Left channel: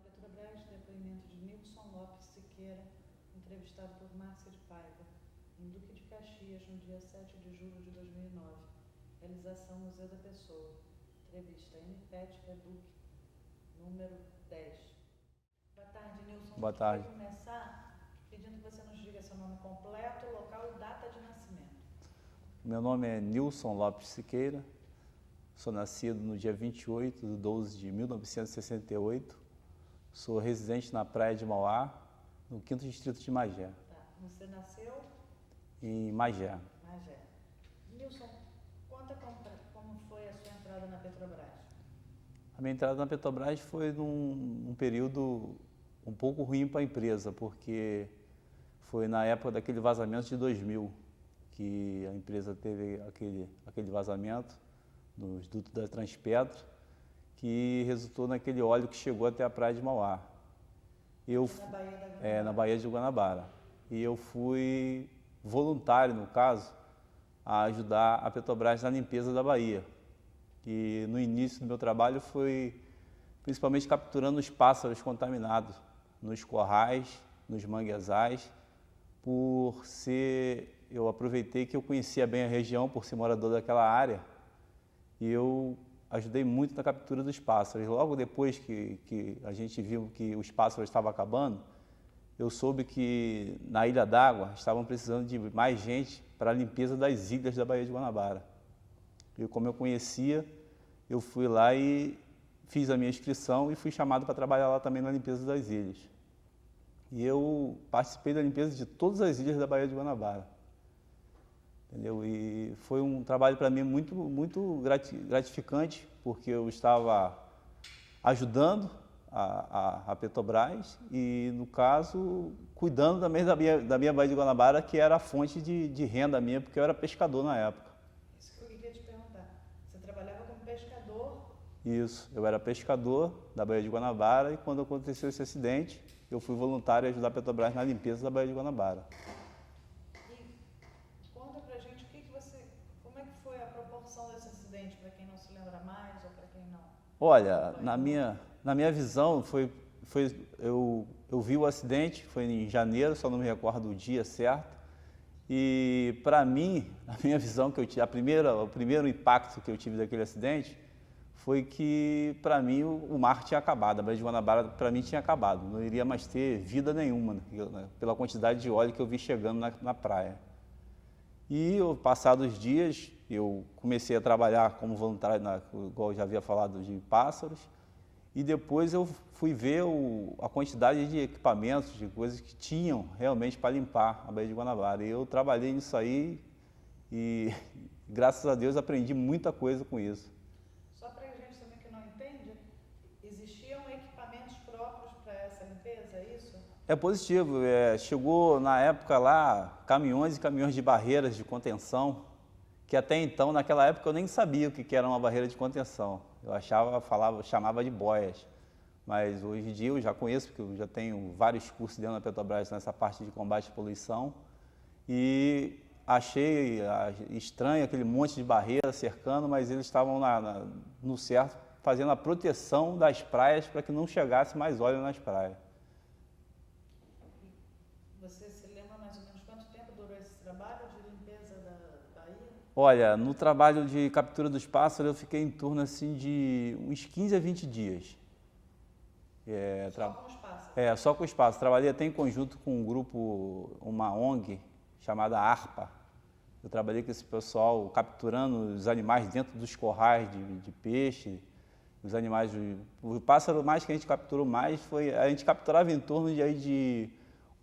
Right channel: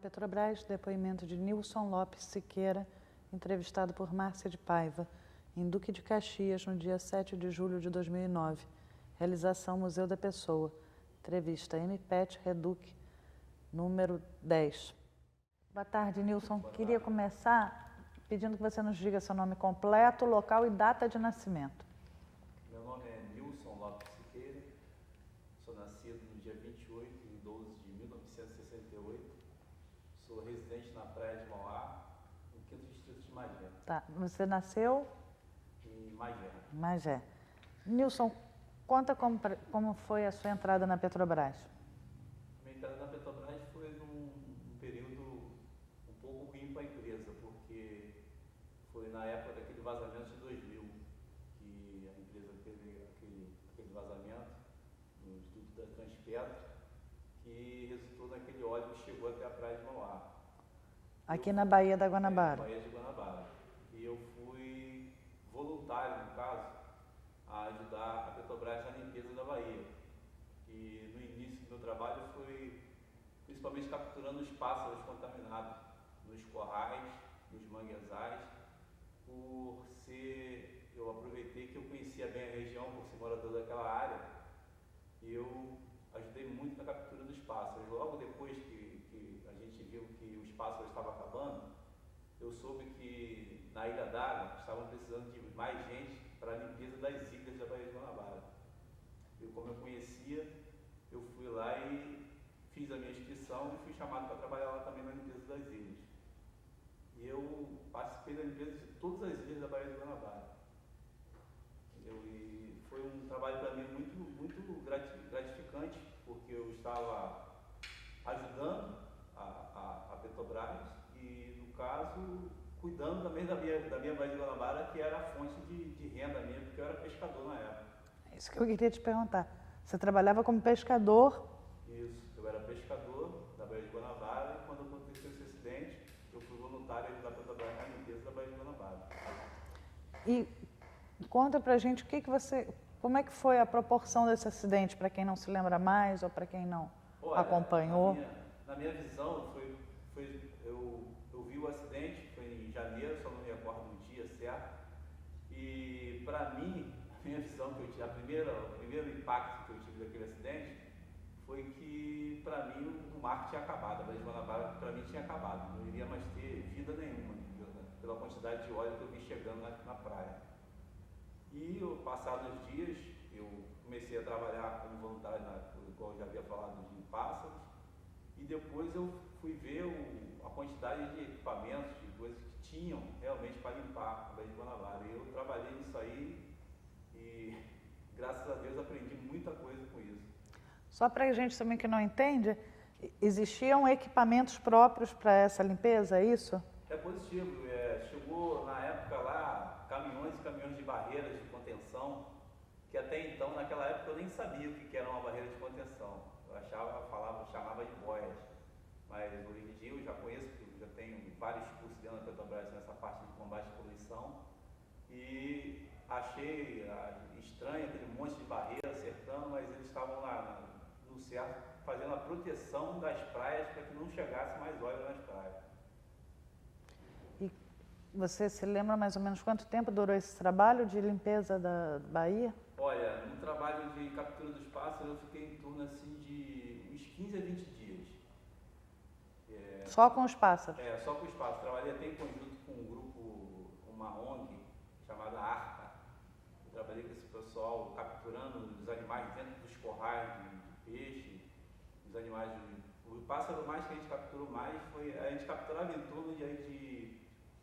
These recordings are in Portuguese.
Petrobras, depoimento de Nilson Lopes Siqueira, entrevistado por Márcia de Paiva, em Duque de Caxias, no dia 7 de julho de 2009. Realização Museu da Pessoa. Entrevista MPET Reduc, número 10. Boa tarde, Nilson. Boa Queria tarde. começar pedindo que você nos diga seu nome completo, local e data de nascimento. Meu nome é Nilson Lopes Siqueira, sou nascido no dia 28 de 12 de 1968, sou residente na Praia de Mauá, no 5º Distrito de Magé, Tá. Você nasceu em Magé. em Magé. Nilson, conta como foi a sua entrada na Petrobras. A minha entrada na Petrobras foi num período um pouco ruim para a empresa, porque foi na época daquele vazamento de 2000, que a empresa teve aquele vazamento nos dutos da Transpetro, que resultou naquele óleo que chegou até a Praia de Mauá. Aqui na Baía da Guanabara. Na Baía de Guanabara. E eu fui voluntário, no caso, a ajudar a Petrobras na limpeza da Baía. E no início do meu trabalho foi principalmente capturando os pássaros contaminados nos corrais, nos manguezais, eu aproveitei que eu conhecia bem a região por ser morador daquela área e eu ajudei muito na captura dos pássaros. Logo depois que a gente viu que os pássaros estavam acabando, eu soube que na Ilha d'Água estavam precisando de mais gente para a limpeza das ilhas da Baía de Guanabara. E como eu conhecia, eu fui lá e fiz a minha inscrição e fui chamado para trabalhar lá também na limpeza das ilhas. E eu participei da limpeza de todas as ilhas da Baía de Guanabara. Entendeu? E foi um trabalho para mim muito gratificante, porque eu estava ajudando a Petrobras e, no caso, cuidando também da minha Baía de Guanabara, que era a fonte de renda minha, porque eu era pescador na época. É isso que eu queria te perguntar. Você trabalhava como pescador? Isso, eu era pescador da Baía de Guanabara e quando aconteceu esse acidente, eu fui voluntário a ajudar a Petrobras na limpeza da Baía de Guanabara. E conta pra gente como é que foi a proporção desse acidente, para quem não se lembra mais ou para quem não acompanhou? Olha, na minha visão, eu vi o acidente, foi em janeiro, só não me recordo o dia certo. E para mim, a minha visão que eu tive, o primeiro impacto que eu tive daquele acidente foi que para mim o mar tinha acabado, a Baía de Guanabara para mim tinha acabado, não iria mais ter vida nenhuma, né, pela quantidade de óleo que eu vi chegando na praia. E passados os dias, eu comecei a trabalhar como voluntário, igual eu já havia falado, de pássaros, e depois eu fui ver a quantidade de equipamentos, de coisas que tinham realmente para limpar a Baía de Guanabara. E eu trabalhei nisso aí e, graças a Deus, aprendi muita coisa com isso. Só para a gente também que não entende, existiam equipamentos próprios para essa limpeza, é isso? É positivo. Chegou na época lá caminhões e caminhões de barreiras de contenção, que até então, naquela época, eu nem sabia o que era uma barreira de contenção. Eu chamava de boias. Mas hoje em dia eu já conheço, porque eu já tenho vários cursos dentro da Petrobras nessa parte de combate à poluição. E achei estranho aquele monte de barreira cercando, mas eles estavam no certo, fazendo a proteção das praias para que não chegasse mais óleo nas praias. E você se lembra mais ou menos quanto tempo durou esse trabalho de limpeza da Baía? Olha, no trabalho de captura dos pássaros eu fiquei em torno assim de uns 15 a 20 dias. Só com os pássaros? Só com os pássaros. Trabalhei até em conjunto com um grupo, uma ONG chamada ARPA. Eu trabalhei com esse pessoal capturando os animais dentro dos corrais de peixe, os animais. O pássaro mais que a gente capturou mais a gente capturava em torno de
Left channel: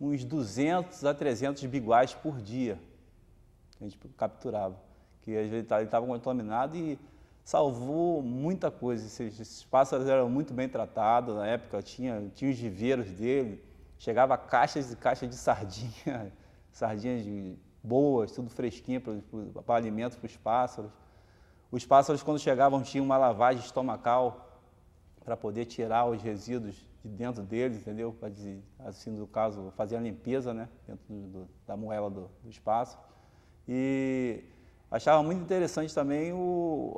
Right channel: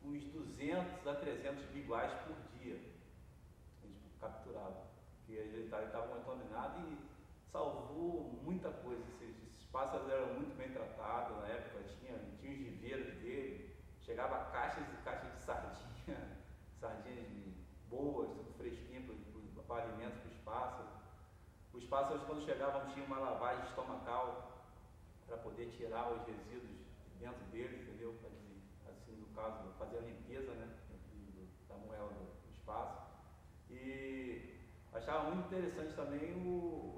uns 200 a 300 biguais por dia. A gente capturava, que às vezes ele estava contaminado e salvou muita coisa. Esses pássaros eram muito bem tratados, na época tinha os viveiros dele, chegava caixas e caixas de sardinha, sardinhas boas, tudo fresquinho para alimento para os pássaros. Os pássaros, quando chegavam, tinham uma lavagem estomacal para poder tirar os resíduos de dentro deles, entendeu? Para, assim, no caso, fazer a limpeza, né, dentro da moela dos pássaros. E achava muito interessante também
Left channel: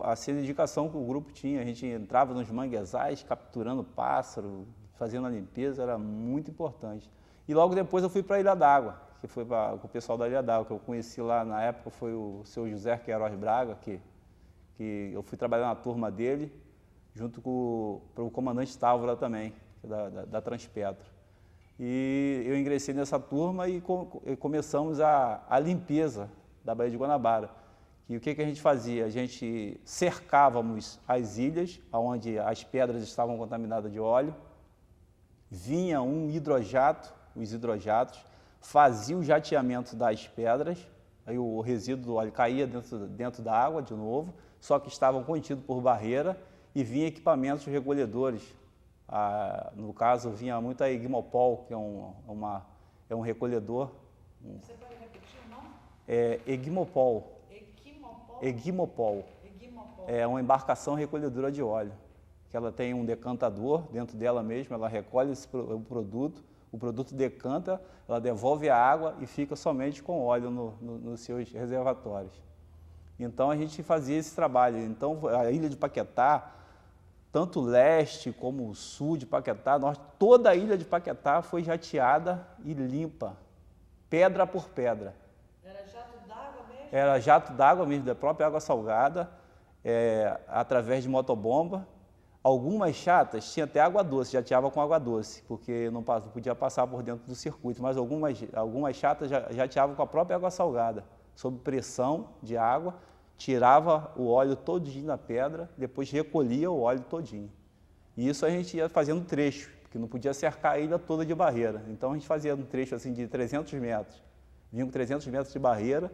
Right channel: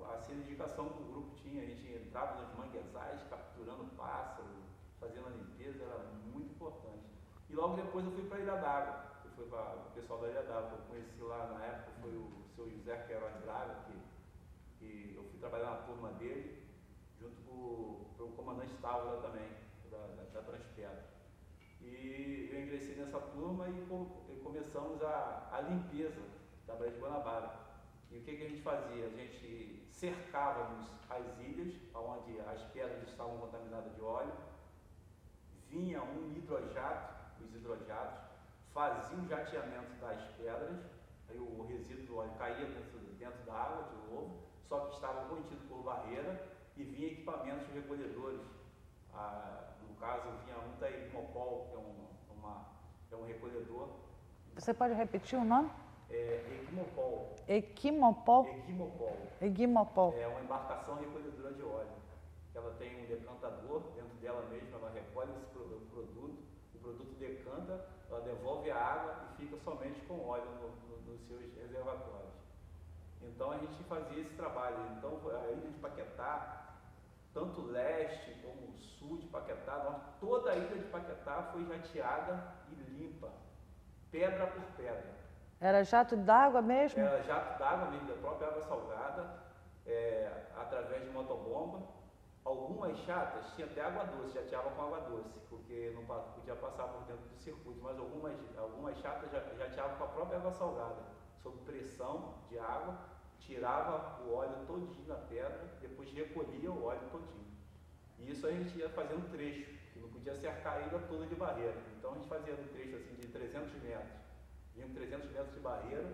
a indicação que o grupo tinha. A gente entrava nos manguezais capturando pássaro, fazendo a limpeza, era muito importante. E logo depois eu fui para a Ilha d'Água, que foi com o pessoal da Ilha d'Água, que eu conheci lá na época, foi o seu José Queiroz Braga, que eu fui trabalhar na turma dele, junto com o comandante Távora também, da Transpetro. E eu ingressei nessa turma e começamos a limpeza da Baía de Guanabara. E o que a gente fazia? A gente cercávamos as ilhas, onde as pedras estavam contaminadas de óleo, vinha um hidrojato, os hidrojatos, faziam o jateamento das pedras, aí o resíduo do óleo caía dentro da água de novo, só que estavam contidos por barreira e vinha equipamentos recolhedores. No caso, vinha muito a Egmopol, que é um recolhedor. Você pode repetir o nome? Egmopol. Equimopol? Egmopol. Egmopol. É uma embarcação recolhedora de óleo, que ela tem um decantador dentro dela mesma, ela recolhe o produto decanta, ela devolve a água e fica somente com óleo nos seus reservatórios. Então a gente fazia esse trabalho. Então a ilha de Paquetá, tanto o leste como o sul de Paquetá, toda a ilha de Paquetá foi jateada e limpa, pedra por pedra. Era jato d'água mesmo? Era jato d'água mesmo, da própria água salgada, através de motobomba. Algumas chatas tinham até água doce, jateava com água doce, porque não podia passar por dentro do circuito, mas algumas chatas jateavam com a própria água salgada, sob pressão de água, tirava o óleo todinho da pedra, depois recolhia o óleo todinho. E isso a gente ia fazendo trecho, porque não podia cercar a ilha toda de barreira. Então a gente fazia um trecho assim de 300 metros, vinha com 300 metros de barreira,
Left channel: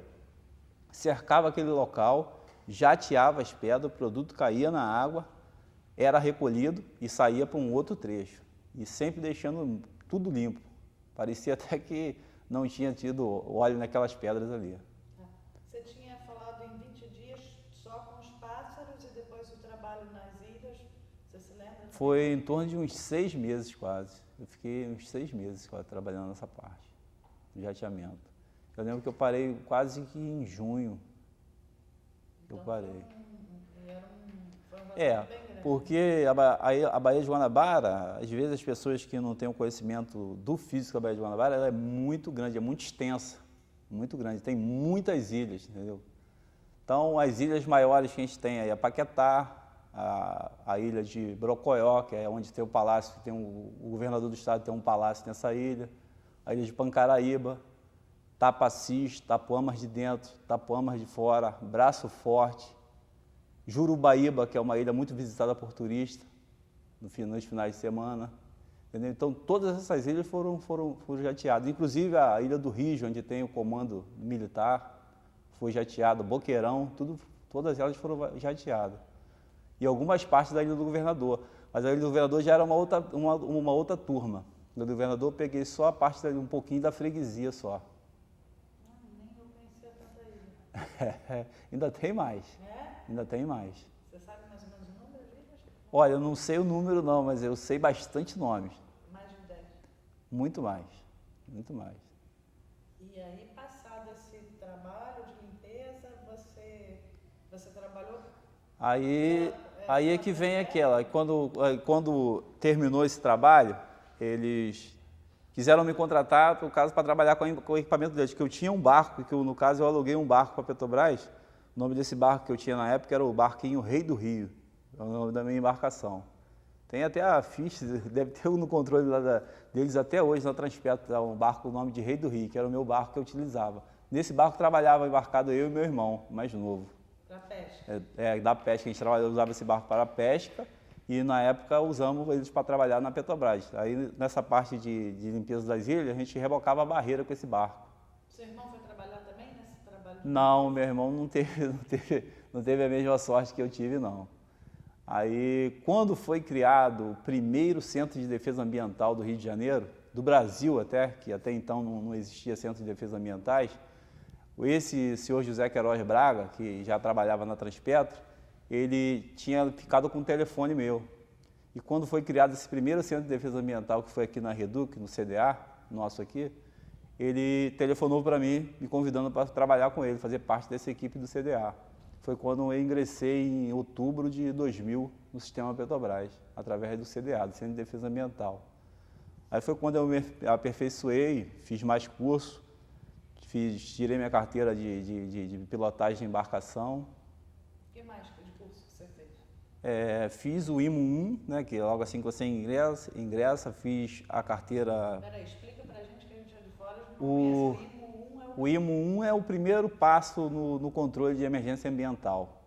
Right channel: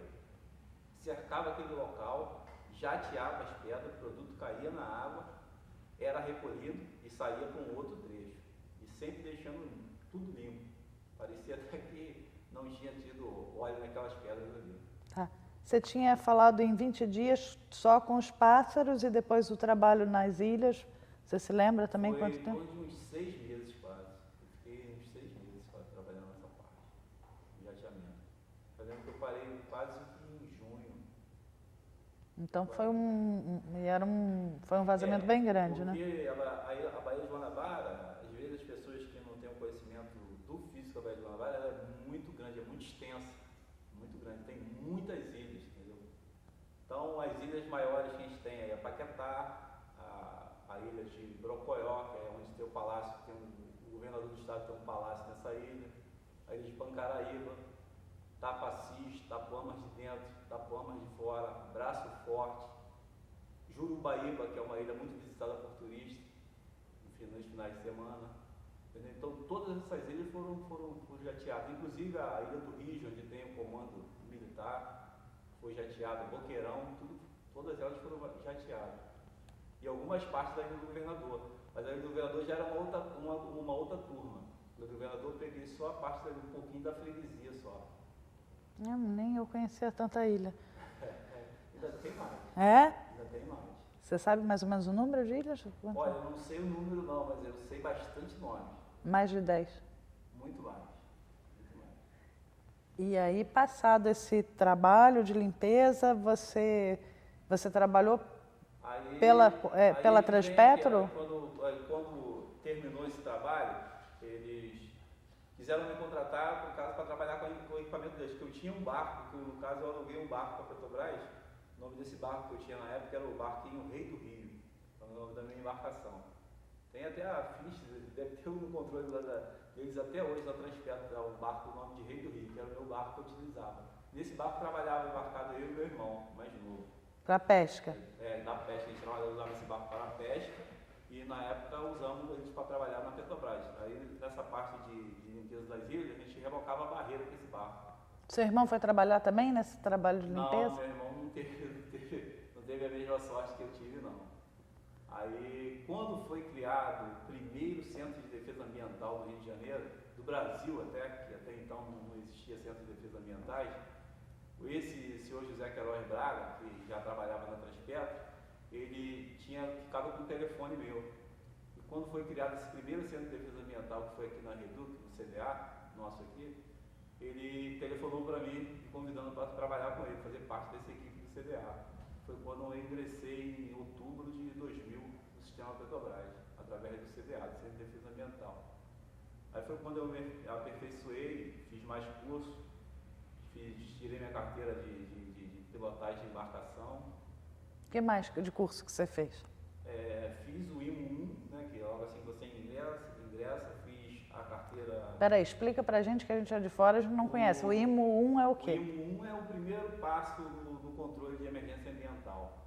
cercava aquele local, jateava as pedras, o produto caía na água, era recolhido e saía para um outro trecho. E sempre deixando tudo limpo. Parecia até que não tinha tido óleo naquelas pedras ali. Tá. Você tinha falado em 20 dias só com os pássaros e depois o trabalho nas ilhas. Você se lembra também? Foi em torno de uns 6 meses quase. Eu fiquei uns 6 meses quase trabalhando nessa parte, de jateamento. Eu lembro que eu parei quase que em junho. Então foi um vazamento bem grande, porque né? a Baía de Guanabara, às vezes as pessoas que não têm o conhecimento do físico da Baía de Guanabara, ela é muito grande, é muito extensa, muito grande, tem muitas ilhas, entendeu? Então as ilhas maiores que a gente tem aí, a Paquetá, a ilha de Brocoió, que é onde tem o palácio, o governador do estado tem um palácio nessa ilha, a ilha de Pancaraíba, Tapacis, Tapuamas de dentro, Tapuamas de fora, Braço Forte, Jurubaíba, que é uma ilha muito visitada por turistas nos finais de semana. Entendeu? Então todas essas ilhas foram jateadas, inclusive a Ilha do Rio, onde tem o comando militar, foi jateado, Boqueirão, todas elas foram jateadas. E algumas partes da Ilha do Governador, mas a Ilha do Governador já era uma outra turma. A Ilha do Governador eu peguei só a parte um pouquinho da freguesia só. Nem eu conhecia tanta ilha. Ainda tem mais. É? Ainda tem mais. Você sabe mais ou menos o número de ilhas? Olha, eu não sei o número não, mas eu sei bastante nomes. Mais de 10? Muito mais, muito mais. E aí, passado esse trabalho de limpeza, você trabalhou pela que vem aquela. Quando terminou esse trabalho, eles quiseram me contratar, por caso, para trabalhar com o equipamento deles, que eu tinha um barco, que no caso eu aluguei um barco para a Petrobras. O nome desse barco que eu tinha na época era o barquinho Rei do Rio, é o nome da minha embarcação. Tem até a ficha, deve ter no controle lá deles até hoje, na Transpetro, um barco, o nome de Rei do Rio, que era o meu barco que eu utilizava. Nesse barco trabalhava embarcado eu e meu irmão, mais novo. Para pesca? Da pesca, a gente usava esse barco para a pesca. E na época usamos eles para trabalhar na Petrobras. Aí nessa parte de limpeza das ilhas, a gente rebocava a barreira com esse barco. Seu irmão foi trabalhar também nesse trabalho de limpeza? Não, meu irmão não teve a mesma sorte que eu tive, não. Aí, quando foi criado o primeiro Centro de Defesa Ambiental do Rio de Janeiro, do Brasil até, que até então não existia Centro de Defesa Ambientais, esse senhor José Queiroz Braga, que já trabalhava na Transpetro, ele tinha ficado com o telefone meu. E quando foi criado esse primeiro Centro de Defesa Ambiental, que foi aqui na Reduc, no CDA, nosso aqui, ele telefonou para mim, me convidando para trabalhar com ele, fazer parte dessa equipe do CDA. Foi quando eu ingressei em outubro de 2000 no sistema Petrobras, através do CDA, do Centro de Defesa Ambiental. Aí foi quando eu me aperfeiçoei, fiz mais curso, tirei minha carteira de pilotagem de embarcação. O que mais de curso que você fez? Fiz o IMO 1, né, que logo assim que você ingressa, fiz a carteira... Peraí, explica pra gente que a gente é de fora, a gente não conhece. O IMO 1 é o quê? O IMO 1 é o primeiro passo no controle de emergência ambiental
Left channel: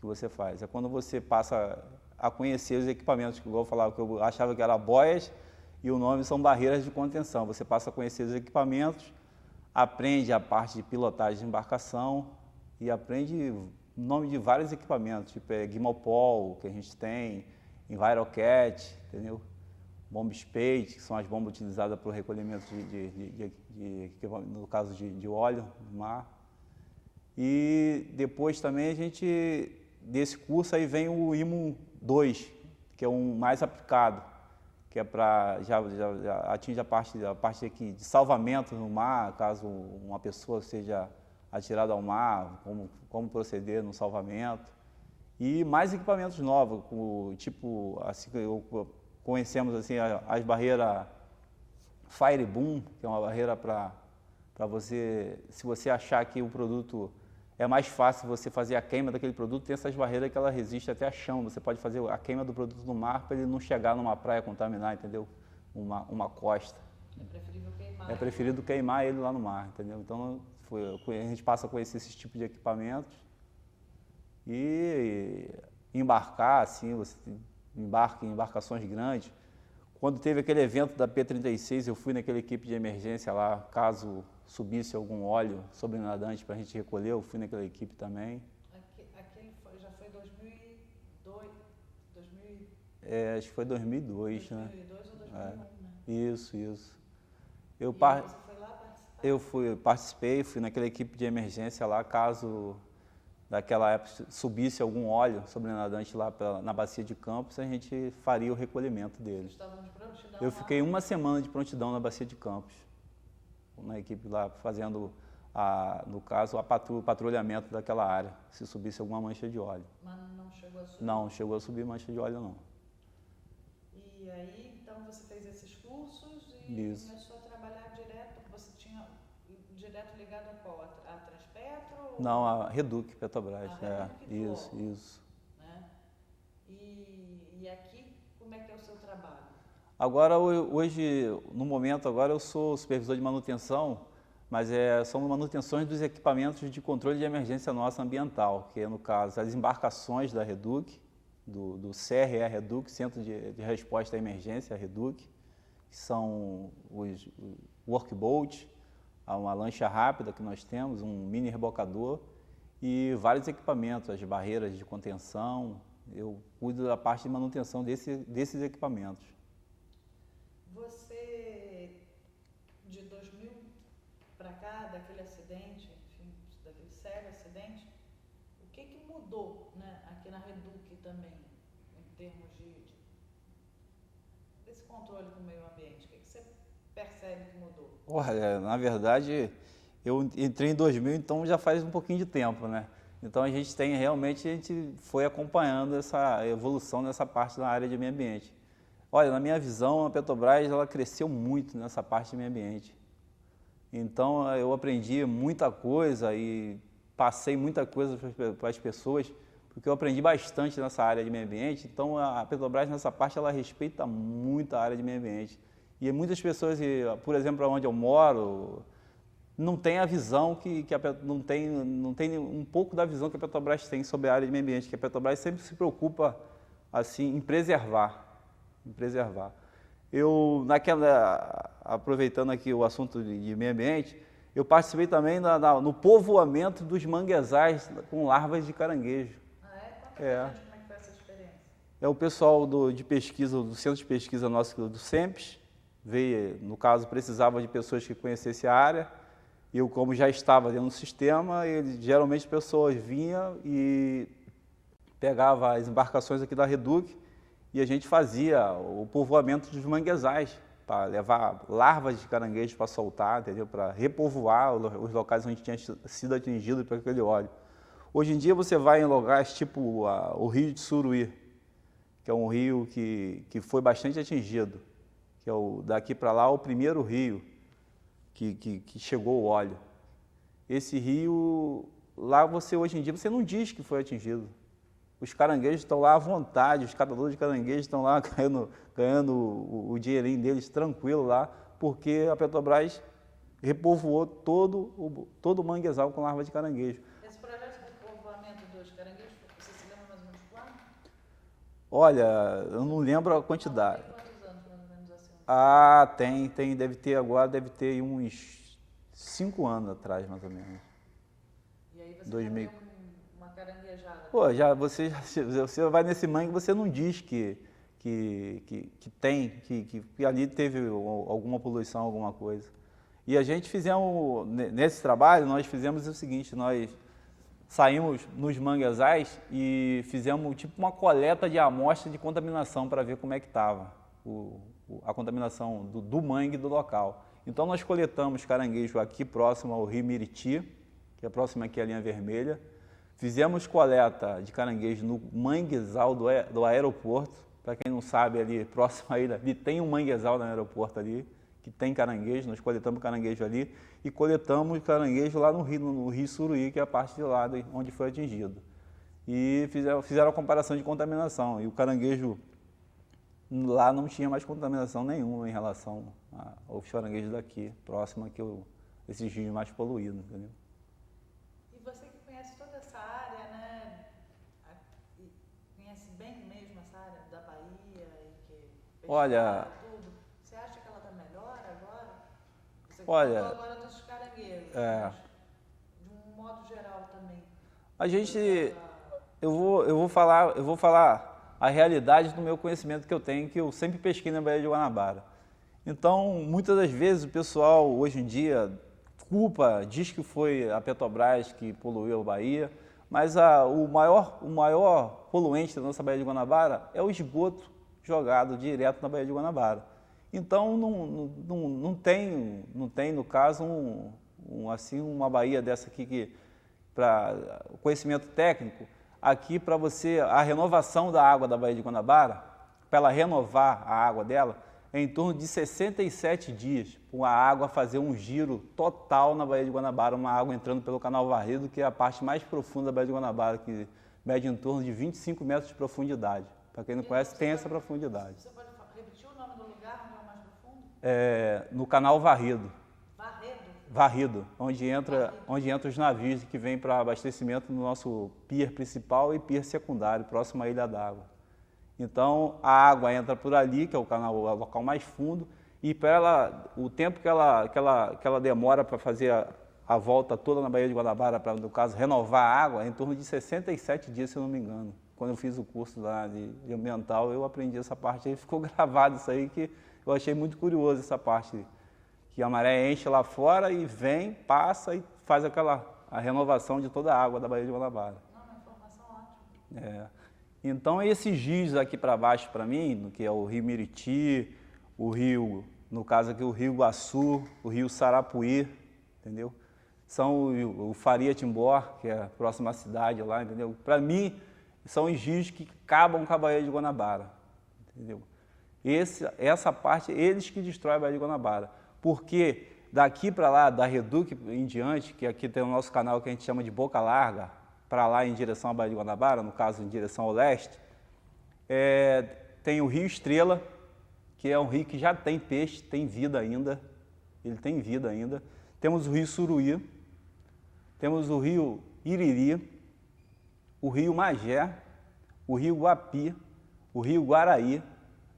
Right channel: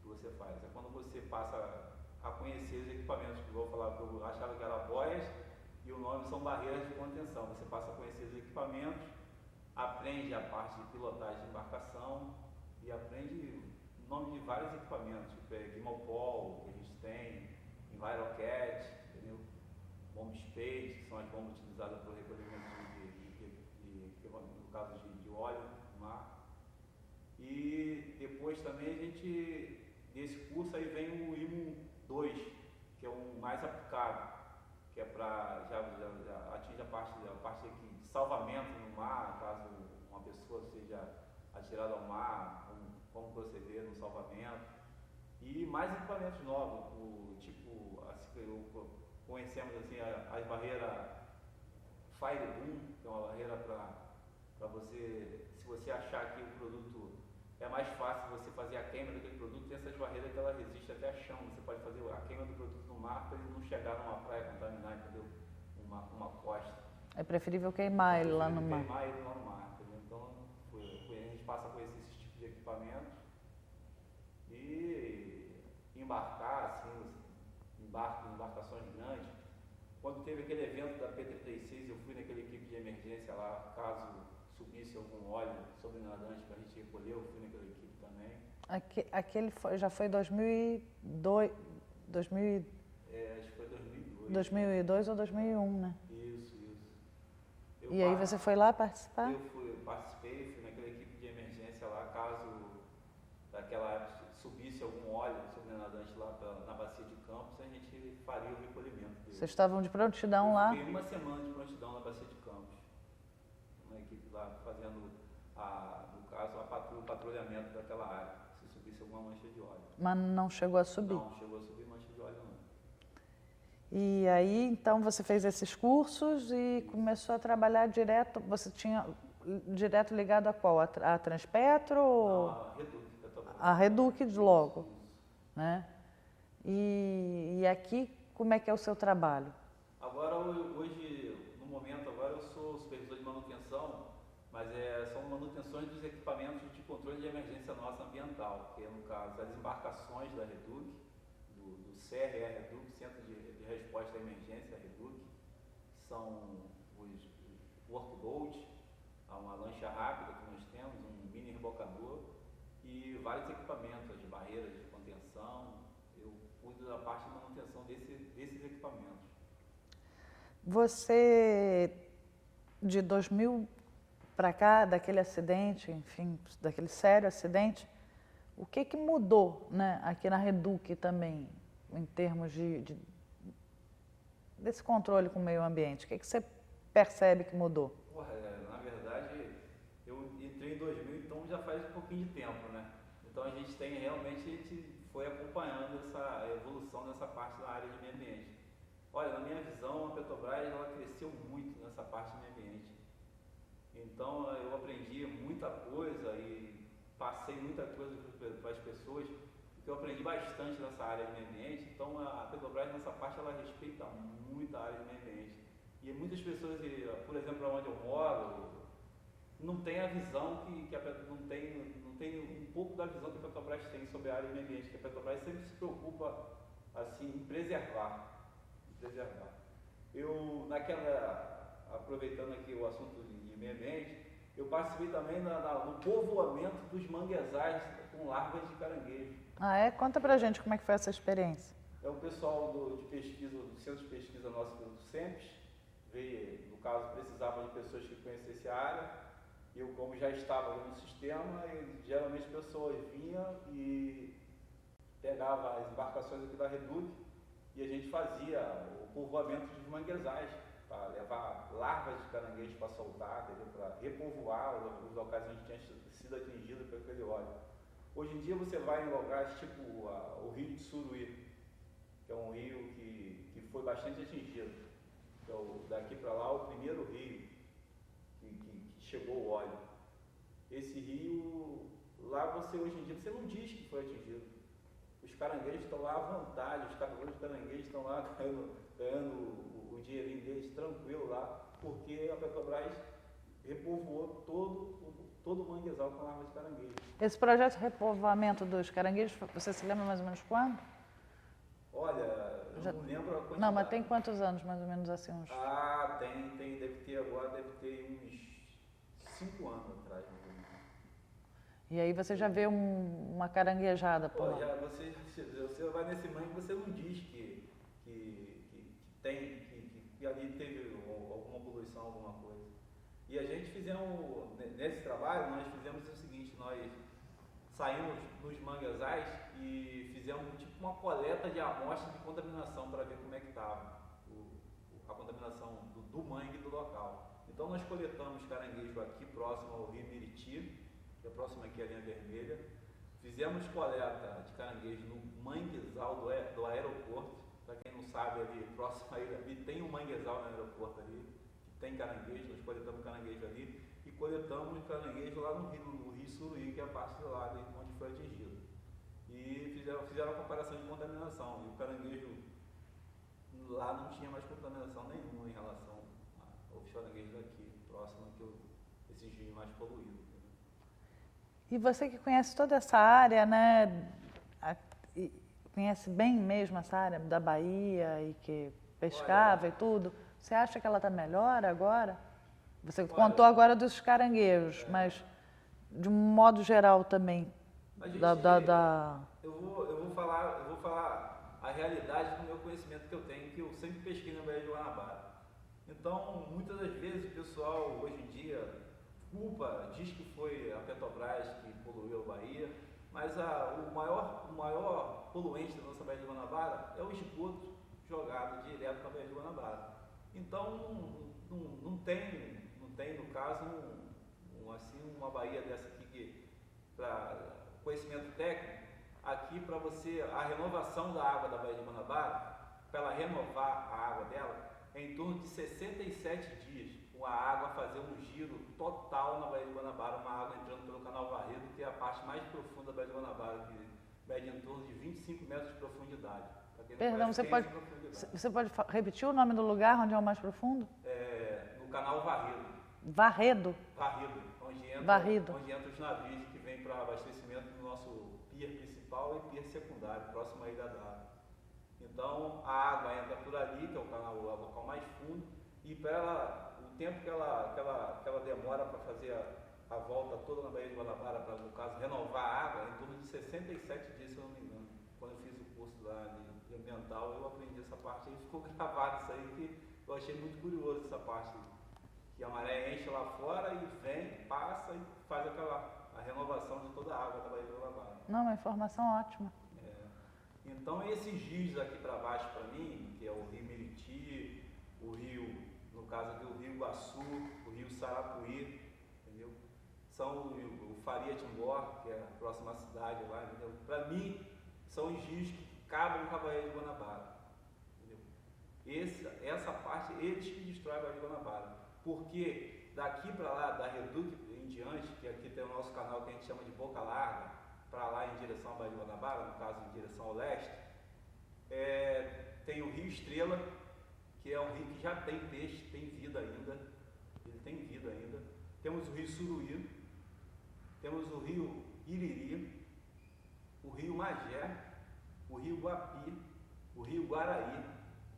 que você faz. É quando você passa a conhecer os equipamentos, que igual eu falava, que eu achava que era boias, e o nome são barreiras de contenção. Você passa a conhecer os equipamentos, aprende a parte de pilotagem de embarcação e aprende o nome de vários equipamentos, tipo Guimopol, que a gente tem, Envirocat, entendeu? Bomb spade, que são as bombas utilizadas para o recolhimento no caso de óleo no mar. E depois também desse curso aí vem o IMO 2, que é um mais aplicado, que é para, já atinge a parte aqui de salvamento no mar, caso uma pessoa seja atirada ao mar, como proceder no salvamento. E mais equipamentos novos, tipo, assim, conhecemos assim, as barreiras Fireboom, que é uma barreira para você, se você achar que o produto é mais fácil você fazer a queima daquele produto, tem essas barreiras que ela resiste até a chão. Você pode fazer a queima do produto no mar para ele não chegar numa praia contaminar, entendeu? Uma costa. É preferível queimar ele lá no mar. É preferível queimar ele lá no mar, entendeu? Então, a gente passa a conhecer esses tipos de equipamentos e embarcar, assim, você embarca em embarcações grandes. Quando teve aquele evento da P36, eu fui naquela equipe de emergência lá, caso subisse algum óleo sobrenadante para a gente recolher, eu fui naquela equipe também. Aquele já foi 2002? Acho que foi 2002. 2002 ou 2001, né? Isso. Aí você foi lá participar? Eu participei, fui naquela equipe de emergência lá, caso daquela época subisse algum óleo sobrenadante lá na bacia de Campos, a gente faria o recolhimento dele. Vocês estavam de prontidão lá? Eu fiquei uma semana de prontidão na bacia de Campos, na equipe lá fazendo, no caso, o patrulhamento daquela área, se subisse alguma mancha de óleo. Mas não chegou a subir? Não chegou a subir mancha de óleo, não. E aí, então, você fez esses cursos e começou a trabalhar direto, você tinha direto ligado a qual? A Transpetro? Não, a Reduc, Petrobras. A Reduc de logo. Isso. Né? E aqui, como é que é o seu trabalho? Agora, hoje, no momento, agora eu sou supervisor de manutenção, mas são manutenções dos equipamentos de controle de emergência nossa ambiental, que é, no caso, as embarcações da Reduc, do CRE Reduc, Centro de Resposta à Emergência, a Reduc, que são os workboat, uma lancha rápida que nós temos, um mini rebocador e vários equipamentos, as barreiras de contenção. Eu cuido da parte de manutenção desses equipamentos. Você, de 2000 para cá, daquele acidente, enfim, daquele sério acidente, o que mudou, né, aqui na Reduc também, em termos desse controle com o meio ambiente? O que você percebe que mudou? Olha, na verdade, eu entrei em 2000, então já faz um pouquinho de tempo, né? Então a gente foi acompanhando essa evolução nessa parte da área de meio ambiente. Olha, na minha visão, a Petrobras ela cresceu muito nessa parte de meio ambiente. Então eu aprendi muita coisa e passei muita coisa para as pessoas, porque eu aprendi bastante nessa área de meio ambiente. Então a Petrobras nessa parte ela respeita muito a área de meio ambiente. E muitas pessoas, por exemplo, onde eu moro, não tem a visão não tem um pouco da visão que a Petrobras tem sobre a área de meio ambiente, que a Petrobras sempre se preocupa assim em preservar. Eu aproveitando aqui o assunto de meio ambiente, eu participei também no povoamento dos manguezais com larvas de caranguejo. Ah, é? Conta pra gente como é que foi essa experiência. É o pessoal de pesquisa, do centro de pesquisa nosso do SEMPES, veio, no caso, precisava de pessoas que conhecessem a área. Eu, como já estava dentro do sistema, geralmente as pessoas vinham e pegavam as embarcações aqui da Reduc e a gente fazia o povoamento dos manguezais, para levar larvas de caranguejo para soltar, entendeu? Para repovoar os locais onde tinha sido atingido por aquele óleo. Hoje em dia você vai em lugares tipo o Rio de Suruí, que é um rio que foi bastante atingido. que é daqui para lá o primeiro rio que chegou o óleo. Esse rio, lá hoje em dia, você não diz que foi atingido. Os caranguejos estão lá à vontade, os catadores de caranguejos estão lá ganhando o dinheirinho deles tranquilo lá, porque a Petrobras repovoou todo o manguezal com larva de caranguejo. Esse projeto de repovoamento dos caranguejos, você se lembra mais ou menos quando? Olha, eu não lembro a quantidade. Não, mas tem quantos anos, mais ou menos assim? Tem, deve ter uns 5 anos atrás, mais ou menos. E aí você já vê uma caranguejada? Pô, você vai nesse mangue, você não diz que ali teve alguma poluição, alguma coisa. E a gente fizemos, nesse trabalho, nós fizemos o seguinte, nós saímos nos manguezais e fizemos tipo uma coleta de amostra de contaminação para ver como é que estava a contaminação do mangue do local. Então nós coletamos caranguejo aqui próximo ao Rio Miriti, que é próximo aqui à linha vermelha. Fizemos coleta de caranguejo no manguezal do aeroporto. Para quem não sabe, ali próximo a ele, ali tem um manguezal no aeroporto ali, que tem caranguejo, nós coletamos caranguejo ali e coletamos caranguejo lá no Rio Suruí, que é a parte de lá onde foi atingido. E fizeram a comparação de contaminação, e o caranguejo lá não tinha mais contaminação nenhuma em relação aos caranguejos daqui, próximo aqui, esses rios mais poluídos, entendeu? E você que conhece toda essa área, né, conhece bem mesmo essa área da Bahia e que pescava e tudo, você acha que ela está melhor agora? Você contou agora dos caranguejos, mas de um modo geral também. A gente, eu vou falar a realidade do meu conhecimento que eu tenho, que eu sempre pesquei na Baía de Guanabara. Então, muitas das vezes o pessoal hoje em dia diz que foi a Petrobras que poluiu a Bahia, mas o maior poluente da nossa Baía de Guanabara é o esgoto jogado direto na Baía de Guanabara. Então, não tem, no caso, uma baía dessa aqui que, para o conhecimento técnico, aqui para a renovação da água da Baía de Guanabara, para ela renovar a água dela, é em torno de 67 dias, com a água fazer um giro total na Baía de Guanabara, uma água entrando pelo Canal Varredo, que é a parte mais profunda da Baía de Guanabara, que mede em torno de 25 metros de profundidade. Para quem não conhece, tem essa profundidade. Você pode repetir o nome do lugar onde é o mais profundo? No Canal Varredo. Varrido, onde entra os navios que vêm para abastecimento no nosso pier principal e pier secundário, próximo à Ilha d'Água. Então, a água entra por ali, que é o local mais fundo, e o tempo que ela demora para fazer a volta toda na Baía de Guanabara, para, no caso, renovar a água, é em torno de 67 dias, se eu não me engano. Quando eu fiz o curso lá de ambiental, eu aprendi essa parte aí, ficou gravado isso aí, que eu achei muito curioso essa parte, que a maré enche lá fora e vem, passa e faz a renovação de toda a água da Baía de Guanabara. Não, uma informação ótima. Então, esses rios aqui para baixo, para mim, que é o Rio Miriti, o rio, no caso aqui, o Rio Iguaçu, o Rio Sarapuí, entendeu? São o Faria Timbó, que é a próxima cidade lá, entendeu? Para mim, são os rios que acabam com a Baía de Guanabara, entendeu? Essa parte, eles que destroem a Baía de Guanabara. Porque daqui para lá, da Reduc em diante, que aqui tem o nosso canal que a gente chama de Boca Larga, para lá em direção à Baía de Guanabara, no caso em direção ao leste, tem o Rio Estrela, que é um rio que já tem peixe, tem vida ainda, ele tem vida ainda. Temos o Rio Suruí, temos o Rio Iriri, o Rio Magé, o Rio Guapi, o Rio Guaraí,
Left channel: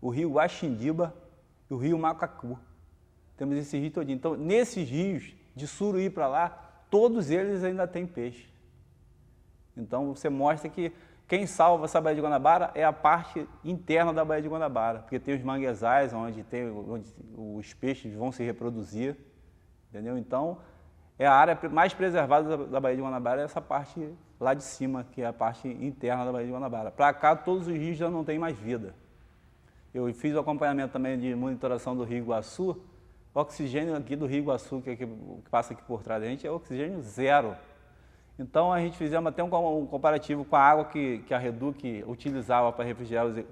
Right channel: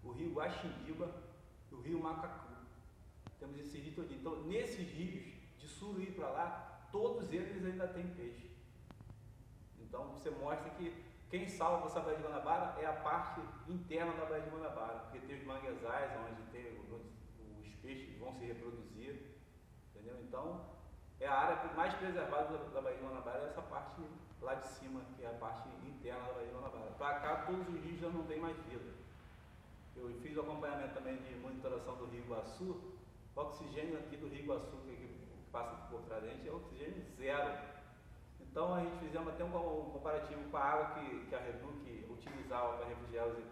o Rio Guaxindiba e o Rio Macacu. Temos esse rio todinho. Então, nesses rios, de Suruí para lá, todos eles ainda têm peixe. Então, você mostra que quem salva essa Baía de Guanabara é a parte interna da Baía de Guanabara, porque tem os manguezais onde os peixes vão se reproduzir, entendeu? Então, a área mais preservada da Baía de Guanabara é essa parte lá de cima, que é a parte interna da Baía de Guanabara. Para cá, todos os rios já não têm mais vida. Eu fiz o acompanhamento também de monitoração do Rio Iguaçu. O oxigênio aqui do Rio Iguaçu, que passa aqui por trás da gente, é oxigênio zero. Então, a gente fizemos até um comparativo com a água que a Reduc utilizava para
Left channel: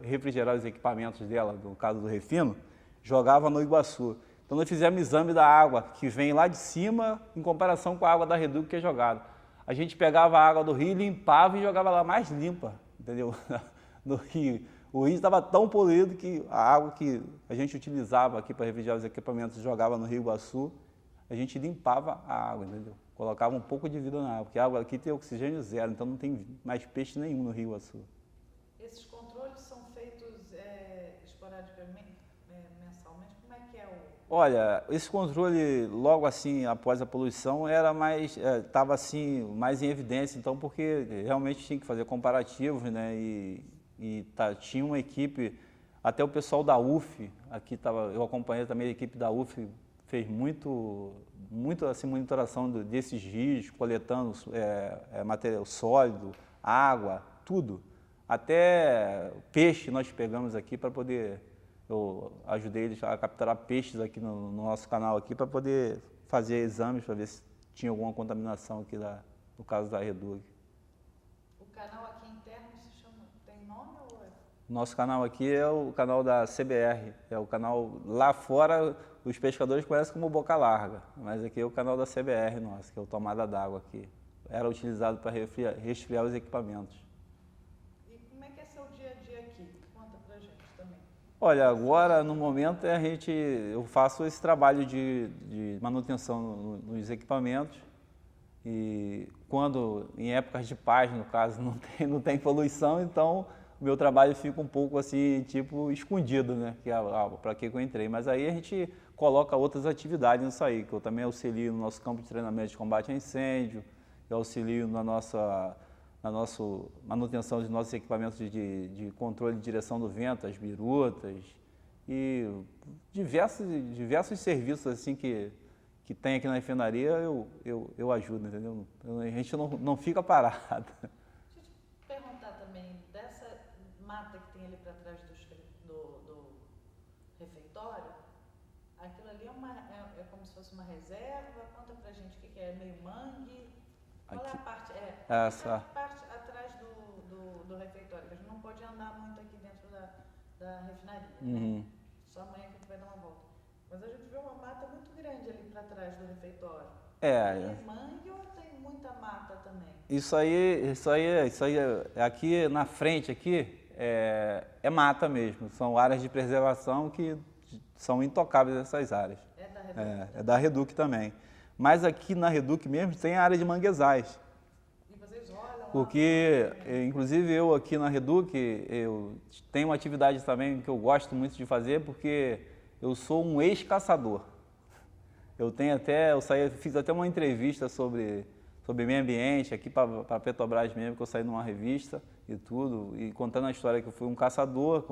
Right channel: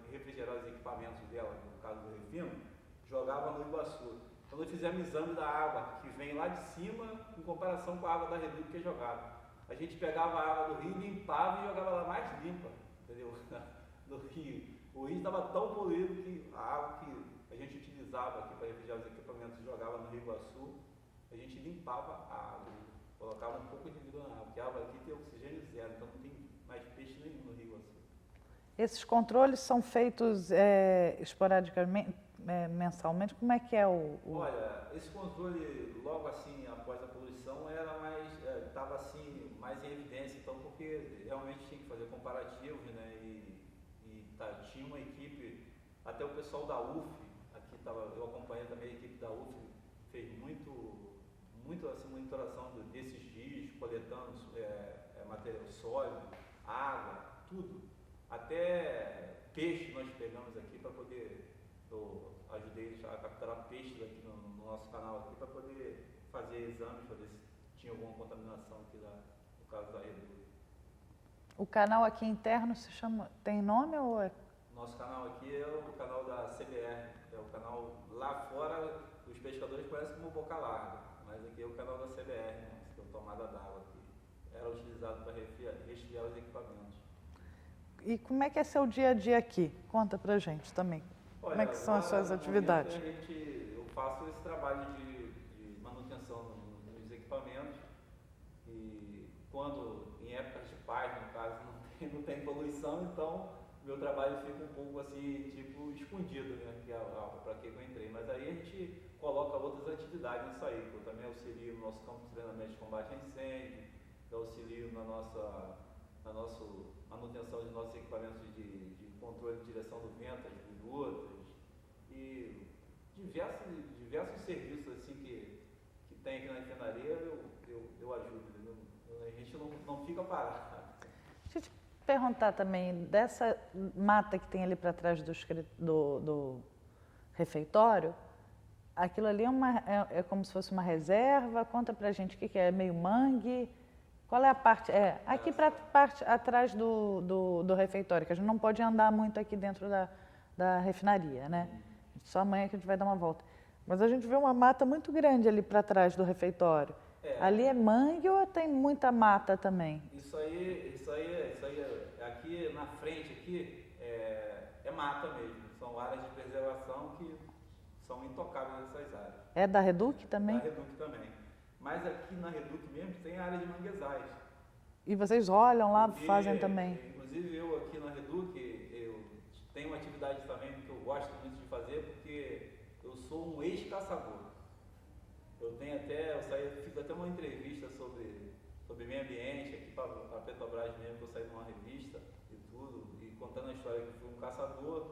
refrigerar os equipamentos dela, no caso do refino, jogava no Iguaçu. Então nós fizemos exame da água que vem lá de cima em comparação com a água da Reduc que é jogada. A gente pegava a água do rio, limpava e jogava lá mais limpa, entendeu? No rio. O rio estava tão poluído que a água que a gente utilizava aqui para refrigerar os equipamentos, jogava no Rio Iguaçu, a gente limpava a água, entendeu? Colocava um pouco de vida na água, porque a água aqui tem oxigênio zero, então não tem mais peixe nenhum no Rio Iguaçu. Esses controles são feitos esporadicamente, mensalmente? Como é que é Olha, esse controle logo assim após a poluição era mais, estava assim mais em evidência, então porque realmente tinha que fazer comparativos, né? Tinha uma equipe, até o pessoal da UF, aqui eu acompanhei também a equipe da UF, fez muito assim, monitoração desses rios, coletando material sólido, água, tudo. Até peixe nós pegamos aqui para poder, eu ajudei eles a capturar peixes aqui no nosso canal aqui para poder fazer exames para ver se tinha alguma contaminação aqui no caso da Reduc. O canal aqui interno se chama, tem nome ou é? Nosso canal aqui é o canal da CBR, é o canal lá fora, os pescadores conhecem como Boca Larga, mas aqui é o canal da CBR nosso, que é o tomada d'água aqui. Era utilizado para resfriar os equipamentos. E como é que é seu dia a dia aqui? Conta pra gente também. Olha, agora no momento eu faço esse trabalho de manutenção nos equipamentos e quando em épocas de paz, no caso, não tem poluição, então o meu trabalho fica um pouco assim, tipo, escondido, né? Que para que eu entrei. Mas aí a gente coloca outras atividades nisso aí, que eu também auxilio no nosso campo de treinamento de combate a incêndio, eu auxilio na nossa manutenção dos nossos equipamentos de controle de direção do vento, as birutas e diversos serviços assim que tem aqui na refinaria, eu ajudo, entendeu? A gente não fica parado. Deixa eu te perguntar também, dessa mata que tem ali para trás do refeitório, aquilo ali é como se fosse uma reserva? Conta pra gente o que é, meio mangue? Qual é a parte? Aqui para a parte atrás do refeitório, que a gente não pode andar muito aqui dentro da refinaria, né? Só amanhã que a gente vai dar uma volta. Mas a gente vê uma mata muito grande ali para trás do refeitório. Ali é mangue ou tem muita mata também? Isso aí, aqui na frente aqui é mata mesmo. São áreas de preservação que são intocáveis essas áreas. É da Reduc também? É da Reduc também. Mas aqui na Reduc mesmo tem a área de manguezais. E vocês olham lá, fazem também? Inclusive eu aqui na Reduc, eu tenho uma atividade também que eu gosto muito de fazer, porque eu sou um ex-caçador. Fiz até uma entrevista sobre meio ambiente aqui para a Petrobras mesmo, que eu saí numa revista e tudo, e contando a história que eu fui um caçador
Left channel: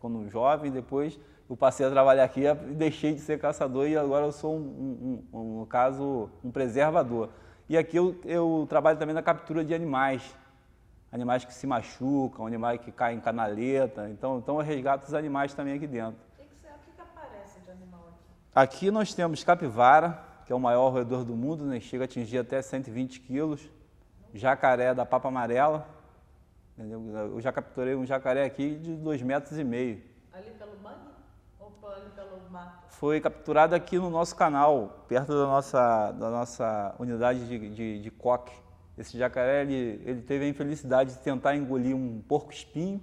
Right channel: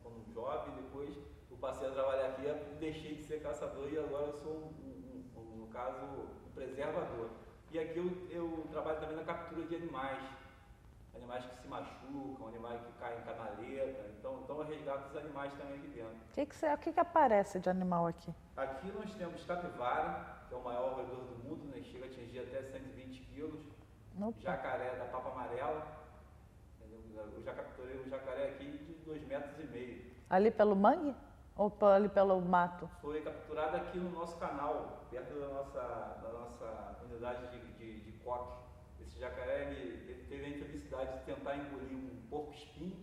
quando jovem, depois eu passei a trabalhar aqui e deixei de ser caçador e agora eu sou, no caso, um preservador. E aqui eu trabalho também na captura de animais que se machucam, animais que caem em canaleta, então eu resgato os animais também aqui dentro. O que aparece de animal aqui? Aqui nós temos capivara, que é o maior roedor do mundo, né? Chega a atingir até 120 quilos, jacaré da papa amarela, entendeu? Eu já capturei um jacaré aqui de 2,5 metros. Ali pelo mangue? Ou ali pelo mato? Foi capturado aqui no nosso canal, perto da nossa unidade de coque. Esse jacaré, ele teve a infelicidade de tentar engolir um porco-espinho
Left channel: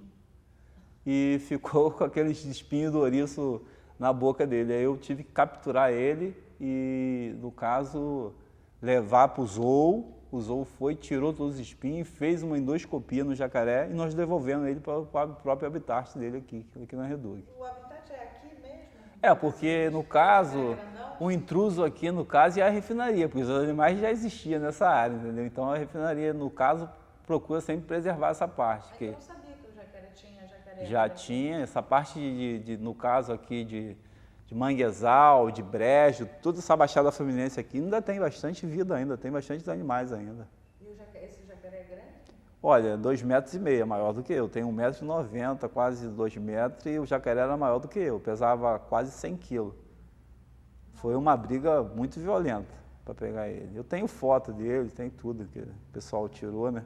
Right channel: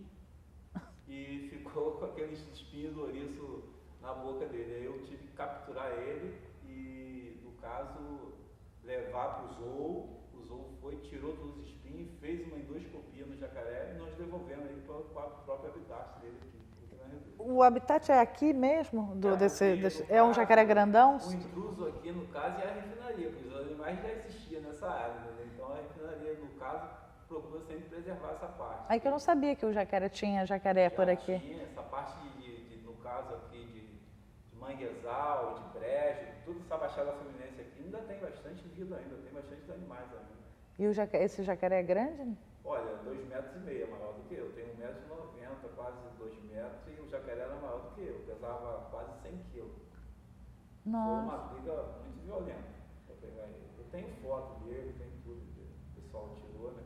e ficou com aqueles espinhos do ouriço na boca dele. Aí eu tive que capturar ele e, no caso, levar para o zoo. O zoo tirou todos os espinhos, fez uma endoscopia no jacaré e nós devolvemos ele para o próprio habitat dele aqui na Reduc. O habitat é aqui mesmo? Porque no caso, um jacaré grandão? O intruso aqui, no caso, é a refinaria, porque os animais já existiam nessa área, entendeu? Então a refinaria, no caso, procura sempre preservar essa parte. Aí que eu não sabia que o jacaré tinha jacaré por aqui. Já tinha, essa parte no caso aqui de manguezal, de brejo, toda essa baixada fluminense aqui ainda tem bastante vida ainda, tem bastante animais ainda. E esse jacaré é grande? Né? Olha, 2,5 metros, maior do que eu. Tenho 1,90 m, quase 2 metros, e o jacaré era maior do que eu, pesava quase 100 quilos. Foi uma briga muito violenta para pegar ele. Eu tenho foto dele, tem tudo que o pessoal tirou, né?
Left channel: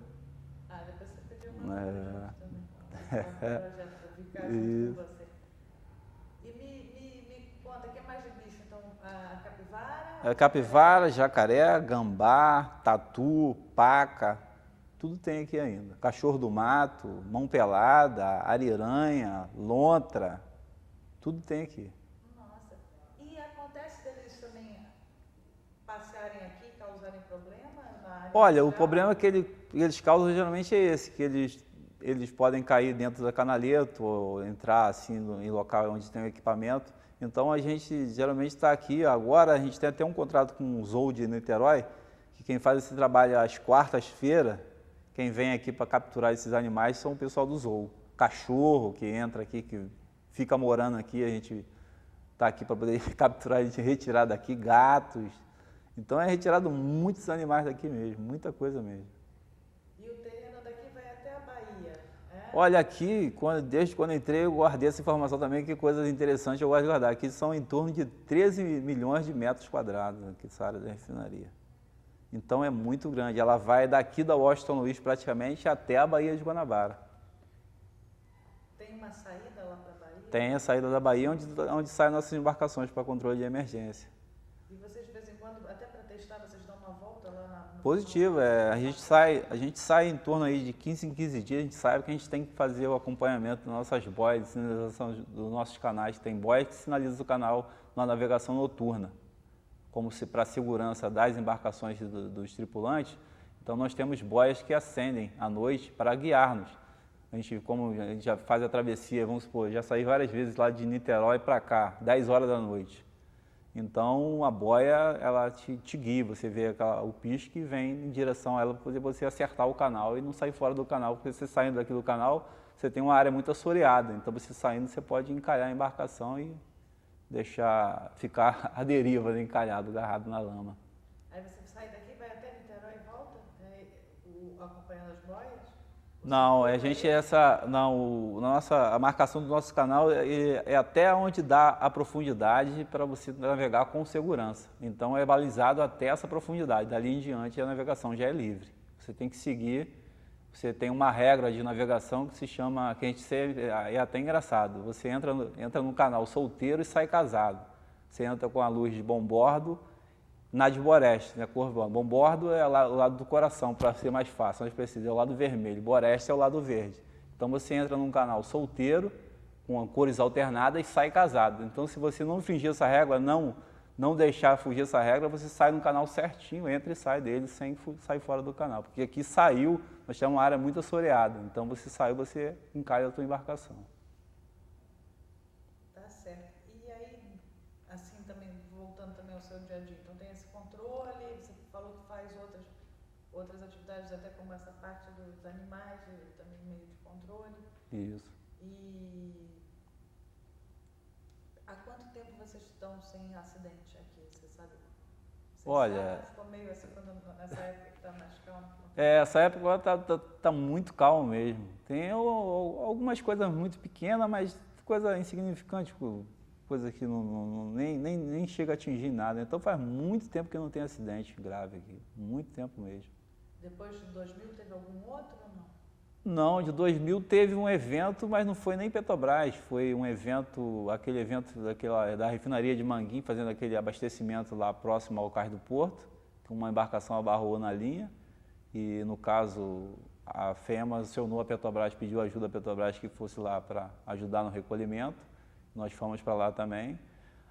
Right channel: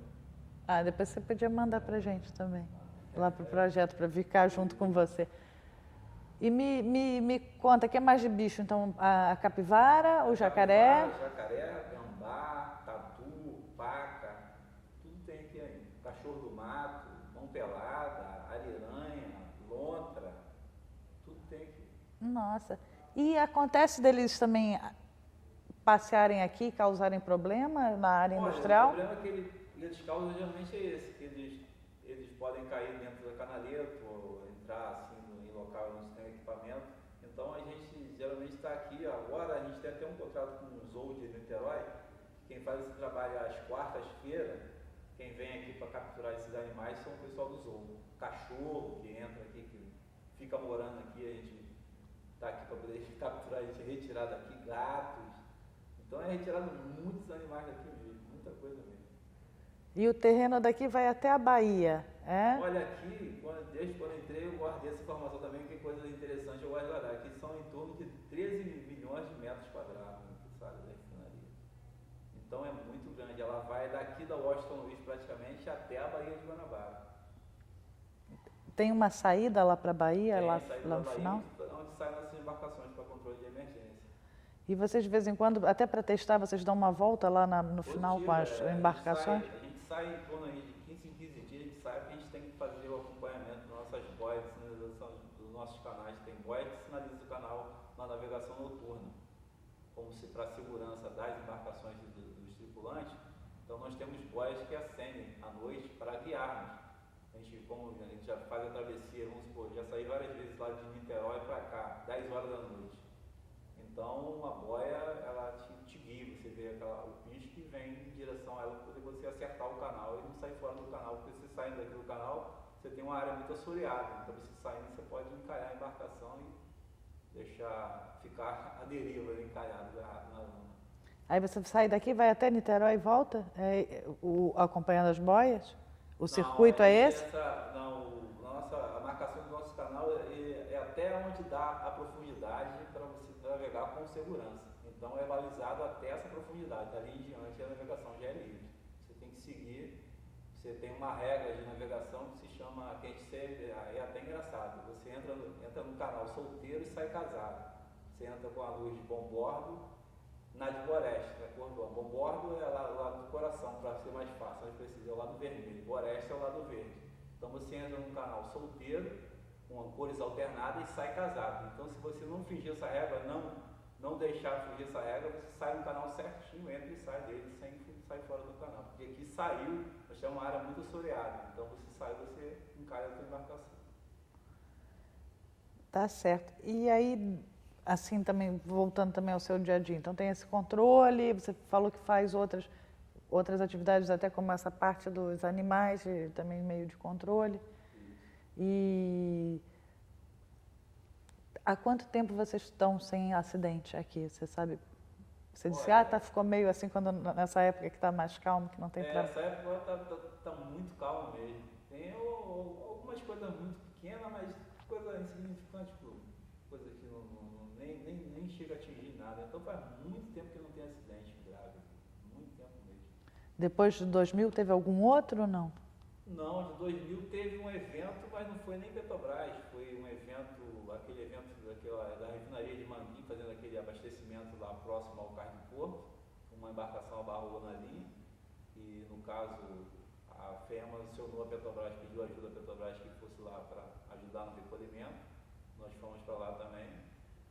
Depois você podia mandar pra gente também, lá pro projeto, para ficar junto com você. E me conta, o que é mais de bicho? Então, a capivara, o Capivara, jacaré, gambá, tatu, paca, tudo tem aqui ainda. Cachorro do mato, mão pelada, ariranha, lontra, tudo tem aqui. Nossa. E acontece deles também passearem aqui e causarem problema na área Olha, industrial? o problema que eles causam geralmente é esse, que eles podem cair dentro da canaleta ou entrar assim em local onde tem o equipamento. Então a gente geralmente está aqui, agora a gente tem até um contrato com o Zoo de Niterói, que quem faz esse trabalho às quartas-feiras, quem vem aqui para capturar esses animais são o pessoal do Zoo. Cachorro que entra aqui, que fica morando aqui, a gente está aqui para poder capturar, a gente retirar daqui, gatos. Então é retirado muitos animais daqui mesmo, muita coisa mesmo. E o terreno daqui vai até a Bahia, é? Olha, aqui, desde quando entrei, eu guardei essa informação também, que coisas interessantes eu gosto de guardar. Aqui são em torno de 13 milhões de metros quadrados, aqui essa área da refinaria. Então é muito grande, ela vai daqui da Washington Luiz praticamente até a Baía de Guanabara. Tem uma saída lá para a Bahia? Tem lá, a saída lá da no Bahia, final? onde saem nossas embarcações para controle de emergência. E vocês, de vez em quando, até para testar, vocês dão uma volta lá no Positivo, final com as a embarcações? gente sai em torno aí de 15 em 15 dias, a gente sabe que a gente tem que fazer o acompanhamento das nossas boias, de sinalização dos nossos canais. Tem boias que sinalizam o canal na navegação noturna, como se para a segurança das embarcações dos tripulantes. Então nós temos boias que acendem à noite para guiar-nos. Como a gente já faz a travessia, vamos supor, já saí várias vezes lá de Niterói para cá, 10 horas da noite. Então a boia, ela te guia, você vê o pisque e vem em direção a ela para você acertar o canal e não sair fora do canal, porque você saindo daqui do canal, você tem uma área muito assoreada, então você saindo, você pode encalhar a embarcação e ficar à deriva, encalhado, agarrado na lama. Aí você sai daqui, vai até Niterói e volta, acompanhando as boias? O circuito é esse? A marcação do nosso canal é até onde dá a profundidade para você navegar com segurança. Então é balizado até essa profundidade. Dali em diante a navegação já é livre. Você tem que seguir, você tem uma regra de navegação que se chama, é até engraçado, você entra no canal solteiro e sai casado. Você entra com a luz de bombordo, na de Boreste, né, cor bombordo é o lado do coração, para ser mais fácil, nós precisamos, é o lado vermelho, Boreste é o lado verde. Então você entra num canal solteiro, com cores alternadas e sai casado. Então se você não fingir essa regra, não deixar fugir essa regra, você sai no canal certinho, entra e sai dele sem sair fora do canal. Porque aqui saiu, nós temos uma área muito assoreada, então você saiu, você encalha a sua embarcação. Tá certo. E aí, assim também, voltando também ao seu dia a dia, então tem esse controle, você falou que faz outras atividades até como essa parte dos animais, também meio de controle. Isso. E há quanto tempo vocês estão sem acidente aqui? Você sabe? Você disse, ficou meio assim nessa época que está mais calmo, que não tem problema. Essa época tá muito calmo mesmo. Tem algumas coisas muito pequenas, mas coisa insignificante, coisa que nem chega a atingir nada. Então faz muito tempo que não tem acidente grave aqui, muito tempo mesmo. Depois de 2000 teve algum outro ou não? Não, de 2000 teve um evento, mas não foi nem Petrobras, foi um evento, aquele evento da refinaria de Manguinhos, fazendo aquele abastecimento lá próximo ao Cais do Porto, que uma embarcação abarrou na linha e no caso a FEMA acionou a Petrobras, pediu ajuda à Petrobras que fosse lá para ajudar no recolhimento. Nós fomos para lá também.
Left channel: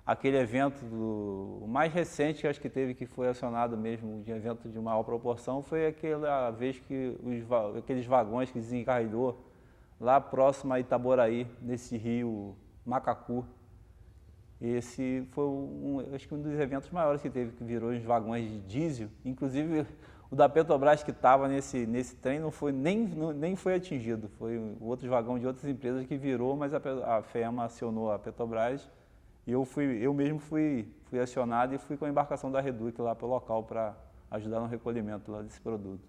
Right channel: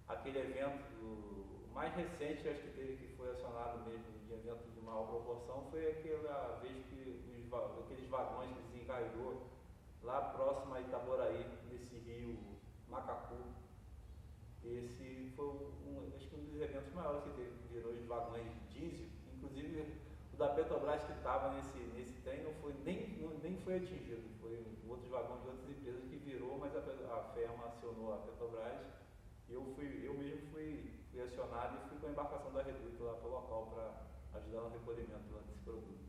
Aquele evento, o mais recente, acho que teve, que foi acionado mesmo, de evento de maior proporção, foi aquela vez que aqueles vagões que desencarregou lá próximo a Itaboraí, nesse rio Macacu. Esse foi, acho que um dos eventos maiores que teve, que virou os vagões de diesel. Inclusive, o da Petrobras que estava nesse trem nem foi atingido, foi outros vagões de outras empresas que virou, mas a FEMA acionou a Petrobras e eu mesmo fui acionado e fui com a embarcação da Reduc lá para o local para ajudar no recolhimento lá desse produto.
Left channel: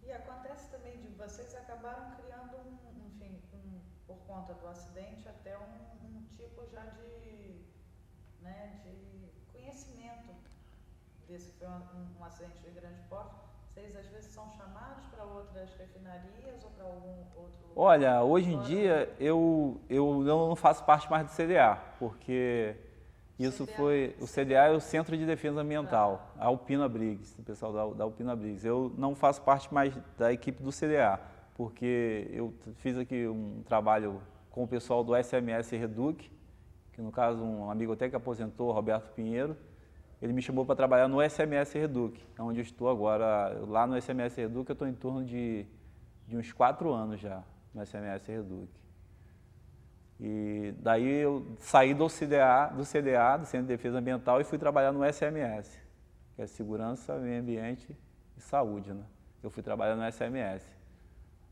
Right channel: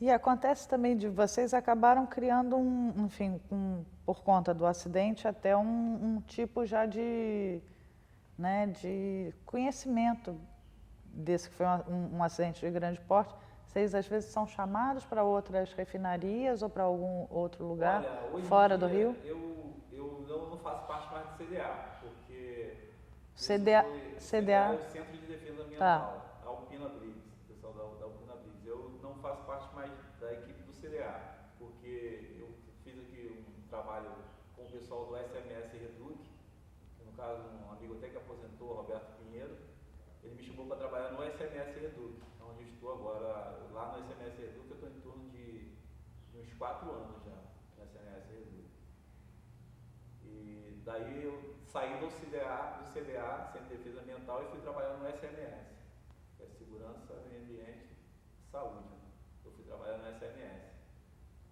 E acontece também de vocês acabaram criando por conta do acidente, até um tipo já de conhecimento desse que foi um acidente de grande porte. Vocês às vezes são chamados para outras refinarias ou para algum outro lugar? Olha, hoje em fora do dia Rio? eu não faço parte mais do CDA, porque isso CDA foi... O CDA é o Centro de Defesa Ambiental, a Alpina Briggs, o pessoal da Alpina Briggs. Eu não faço parte mais da equipe do CDA, porque eu fiz aqui um trabalho com o pessoal do SMS Reduc, que no caso um amigo até que aposentou, Roberto Pinheiro. Ele me chamou para trabalhar no SMS Reduc, onde eu estou agora. Lá no SMS Reduc eu estou em torno de uns 4 anos já, no SMS Reduc. E daí eu saí do CDA, do Centro de Defesa Ambiental, e fui trabalhar no SMS, que é Segurança, Meio Ambiente e Saúde, né? Eu fui trabalhar no SMS.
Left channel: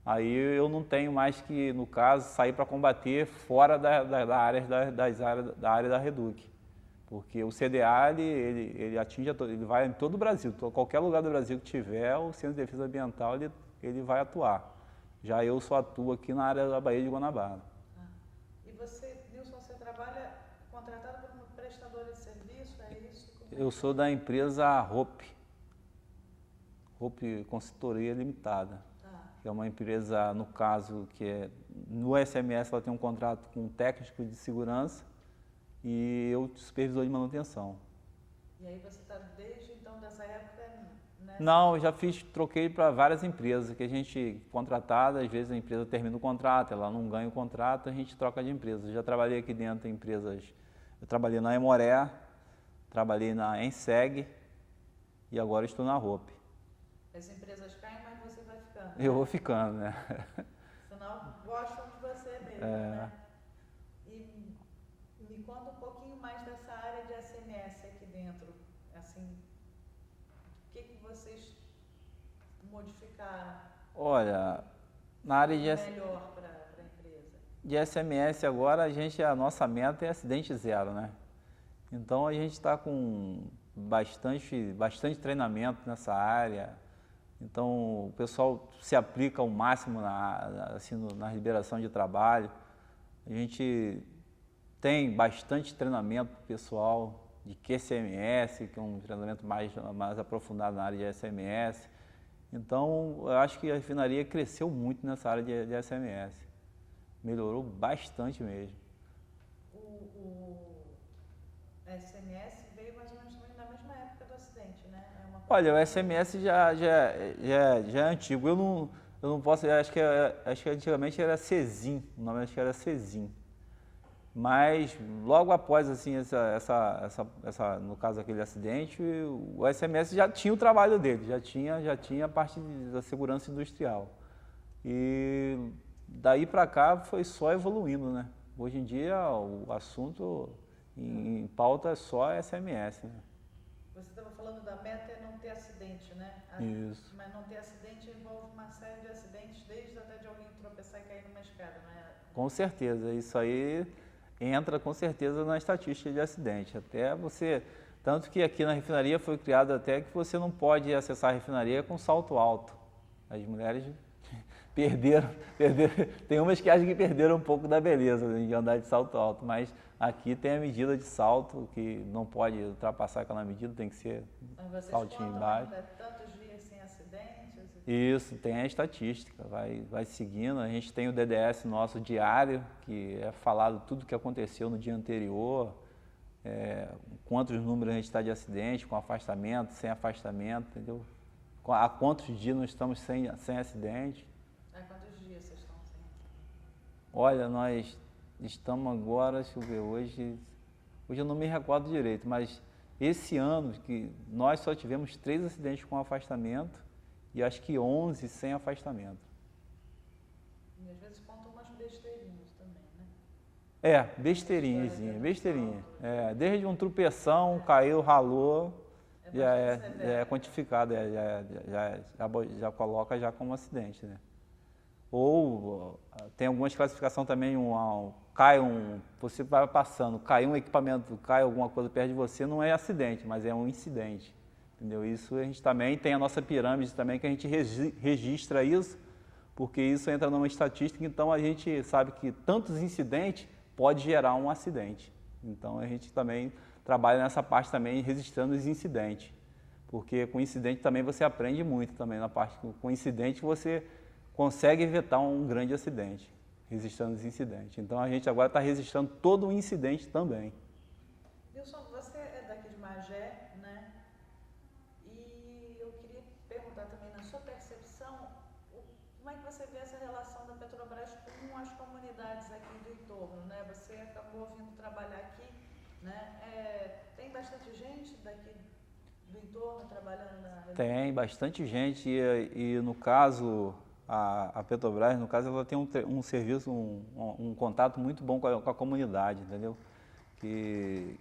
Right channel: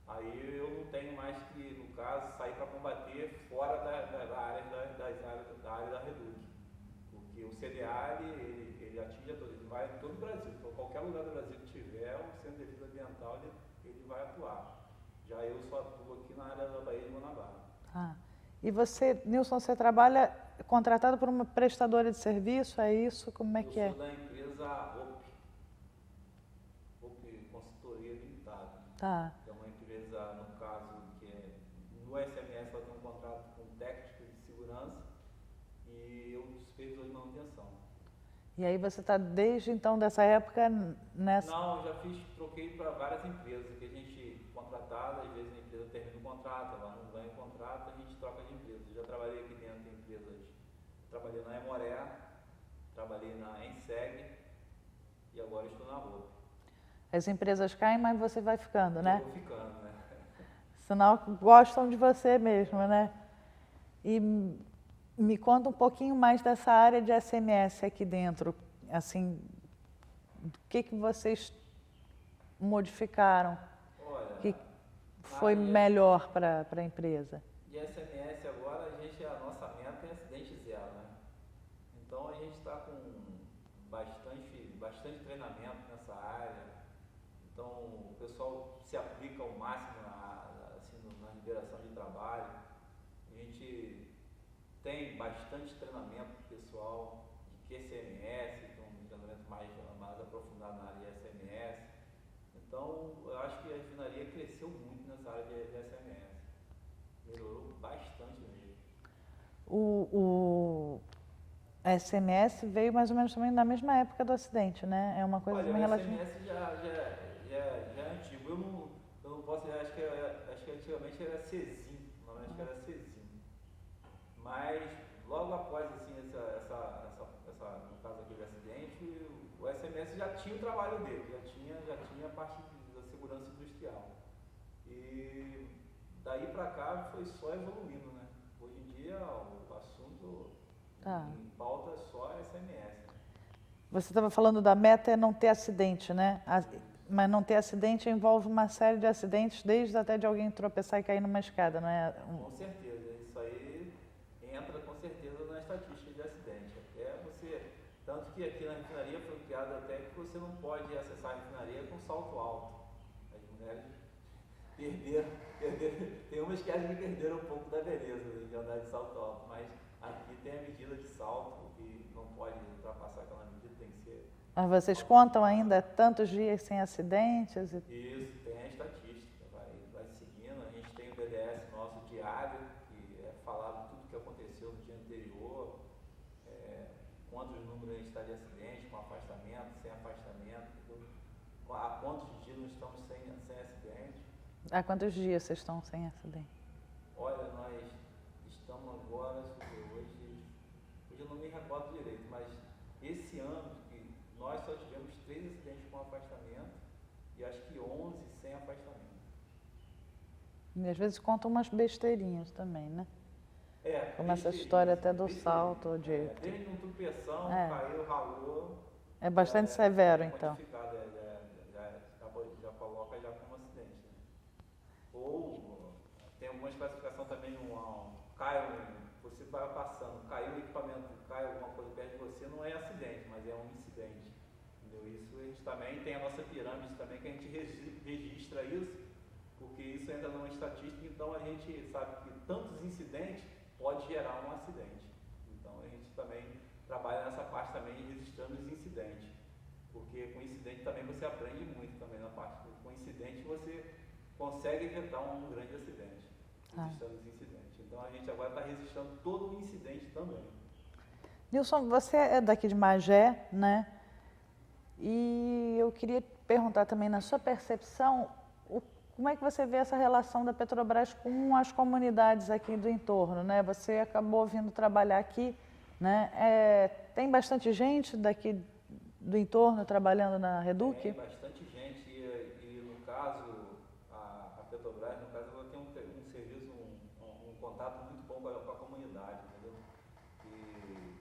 Aí eu não tenho mais que, no caso, sair para combater fora da área da Reduc. Porque o CDA, ele atinge, ele vai em todo o Brasil, qualquer lugar do Brasil que tiver, o Centro de Defesa Ambiental, ele vai atuar. Já eu só atuo aqui na área da Baía de Guanabara. Ah. E você, Nilson, você trabalha contratado por uma prestadora de serviço, é isso? Como é que é? Eu sou da empresa Hope Consultoria Limitada. Tá. Que é uma empresa, no caso, que é, no SMS ela tem um contrato com um técnico de segurança e eu supervisor de manutenção. E aí você está desde então dessa época nessa... Não, eu já troquei para várias empresas, que a gente contratada, às vezes a empresa termina o contrato, ela não ganha o contrato, a gente troca de empresa. Eu já trabalhei aqui dentro em empresas, eu trabalhei na Emoré, trabalhei na Enseg e agora estou na Hope. As empresas caem, mas você vai ficando, né? Eu vou ficando, né? Sinal que gostam de você mesmo, né? E me conta um pouquinho mais dessa área de SMS aqui dentro, assim, o que vocês modificaram? Olha, que foi melhor para a empresa? De SMS agora, a nossa meta é acidente zero, né? Então a gente está com bastante treinamento nessa área. Então o pessoal se aplica ao máximo na liberação de trabalho. A gente tem bastante treinamento pessoal de QCMS, que é um treinamento mais aprofundado na área de SMS. Então, eu acho que a refinaria cresceu muito nessa área de SMS. Melhorou bastante mesmo. O SMS veio mais ou menos também na mesma época do acidente, né? É uma coisa. Olha, o SMS já é antigo. Eu não posso, acho que antigamente era Cezim, o nome acho que era Cezim. Mas logo após assim no caso daquele acidente, o SMS já tinha o trabalho dele, já tinha a parte da segurança industrial. E daí para cá foi só evoluindo, né? Hoje em dia o assunto em pauta é só SMS, né? Você estava falando da meta é não ter acidente, né? Isso. Mas não ter acidente envolve uma série de acidentes, desde até de alguém tropeçar e cair numa escada, não é? Com certeza, isso aí entra com certeza na estatística de acidente. Até você, tanto que aqui na refinaria foi criado até que você não pode acessar a refinaria com salto alto. As mulheres perderam, tem umas que acham que perderam um pouco da beleza de andar de salto alto, mas aqui tem a medida de salto que não pode ultrapassar aquela medida, tem que ser... Mas vocês contam ainda tantos dias sem acidentes? Isso, tem a estatística, vai seguindo. A gente tem o DDS nosso diário, que é falado tudo o que aconteceu no dia anterior, quantos números a gente está de acidente, com afastamento, sem afastamento, entendeu? Há quantos dias nós estamos sem acidente. Há quantos dias vocês estão sem acidente? Olha, nós estamos agora, deixa eu ver, hoje eu não me recordo direito, mas esse ano que nós só tivemos 3 acidentes com afastamento e acho que 11 sem afastamento. E às vezes contam umas besteirinhas também, né? Besteirinha. Salto, desde um tropeção, caiu, ralou. É bastante severo, é quantificado, já coloca já como acidente, né? Ou tem algumas classificações também, você vai passando, cai um equipamento, cai alguma coisa perto de você, não é acidente, mas é um incidente, entendeu? Isso a gente também tem a nossa pirâmide também, que a gente registra isso, porque isso entra numa estatística, então a gente sabe que tantos incidentes pode gerar um acidente. Então a gente também trabalha nessa parte também, registrando os incidentes. porque com incidente também você aprende muito também na parte com incidente você consegue evitar um grande acidente, registrando os incidentes. Então a gente agora está registrando todo o incidente também. Nilson, você é daqui de Magé, né? E eu queria perguntar também, na sua percepção, como é que você vê essa relação da Petrobras com as comunidades aqui do entorno, né? Você acabou vindo trabalhar aqui, né? Tem bastante gente daqui do entorno trabalhando na Reduc? Tem bastante gente e no caso, a Petrobras, no caso, ela tem um serviço, um contato muito bom com a comunidade, entendeu? Que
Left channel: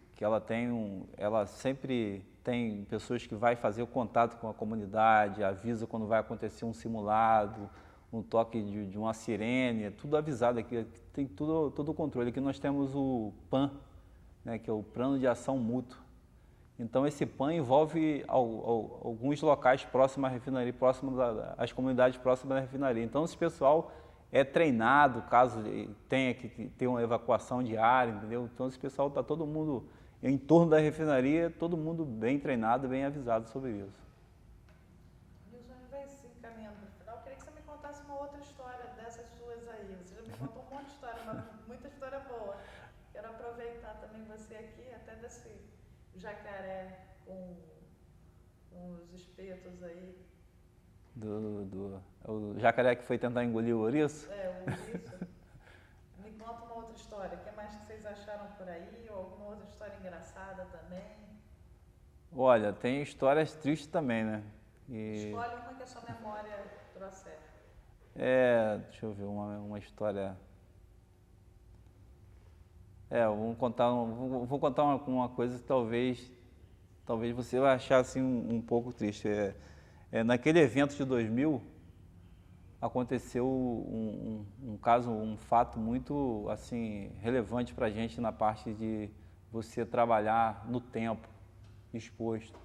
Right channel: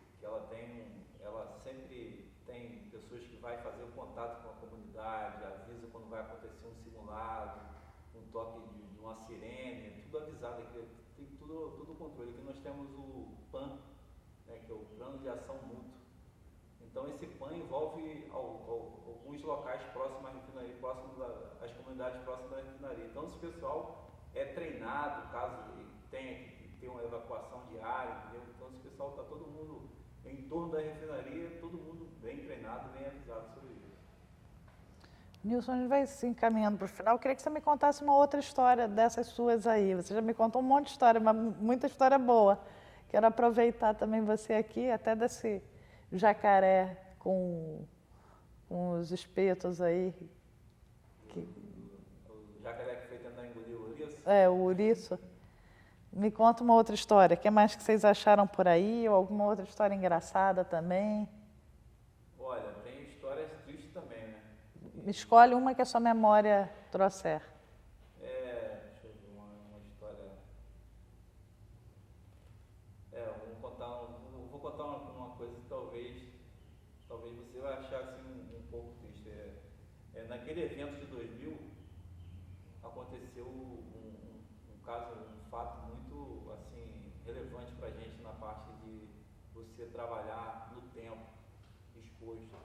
ela sempre tem pessoas que vai fazer o contato com a comunidade, avisa quando vai acontecer um simulado, um toque de uma sirene, é tudo avisado aqui, tem todo o controle. Aqui nós temos o PAN, né, que é o Plano de Ação Mútuo. Então esse PAN envolve alguns locais próximos à refinaria, às comunidades próximas da refinaria. Então esse pessoal é treinado caso tenha que ter uma evacuação diária, entendeu? Então esse pessoal está todo mundo em torno da refinaria, todo mundo bem treinado, bem avisado sobre isso. Nilson, a gente vai se encaminhando para o final. Eu queria que você me contasse uma outra história dessas suas aí. Você já me contou um monte de história, mas muita história boa. Quero aproveitar também você aqui, até desse jacaré com os espetos aí. O jacaré que foi tentar engolir o ouriço? O ouriço. Me conta uma outra história. O que mais que vocês acharam por aí? Ou alguma outra história engraçada também? Olha, tem histórias tristes também, né? Escolhe uma que a sua memória trouxer. Deixa eu ver uma história. Vou contar uma coisa que talvez você vai achar assim um pouco triste. Naquele evento de 2000, aconteceu um caso, um fato muito assim relevante para a gente na parte de você trabalhar no tempo, exposto.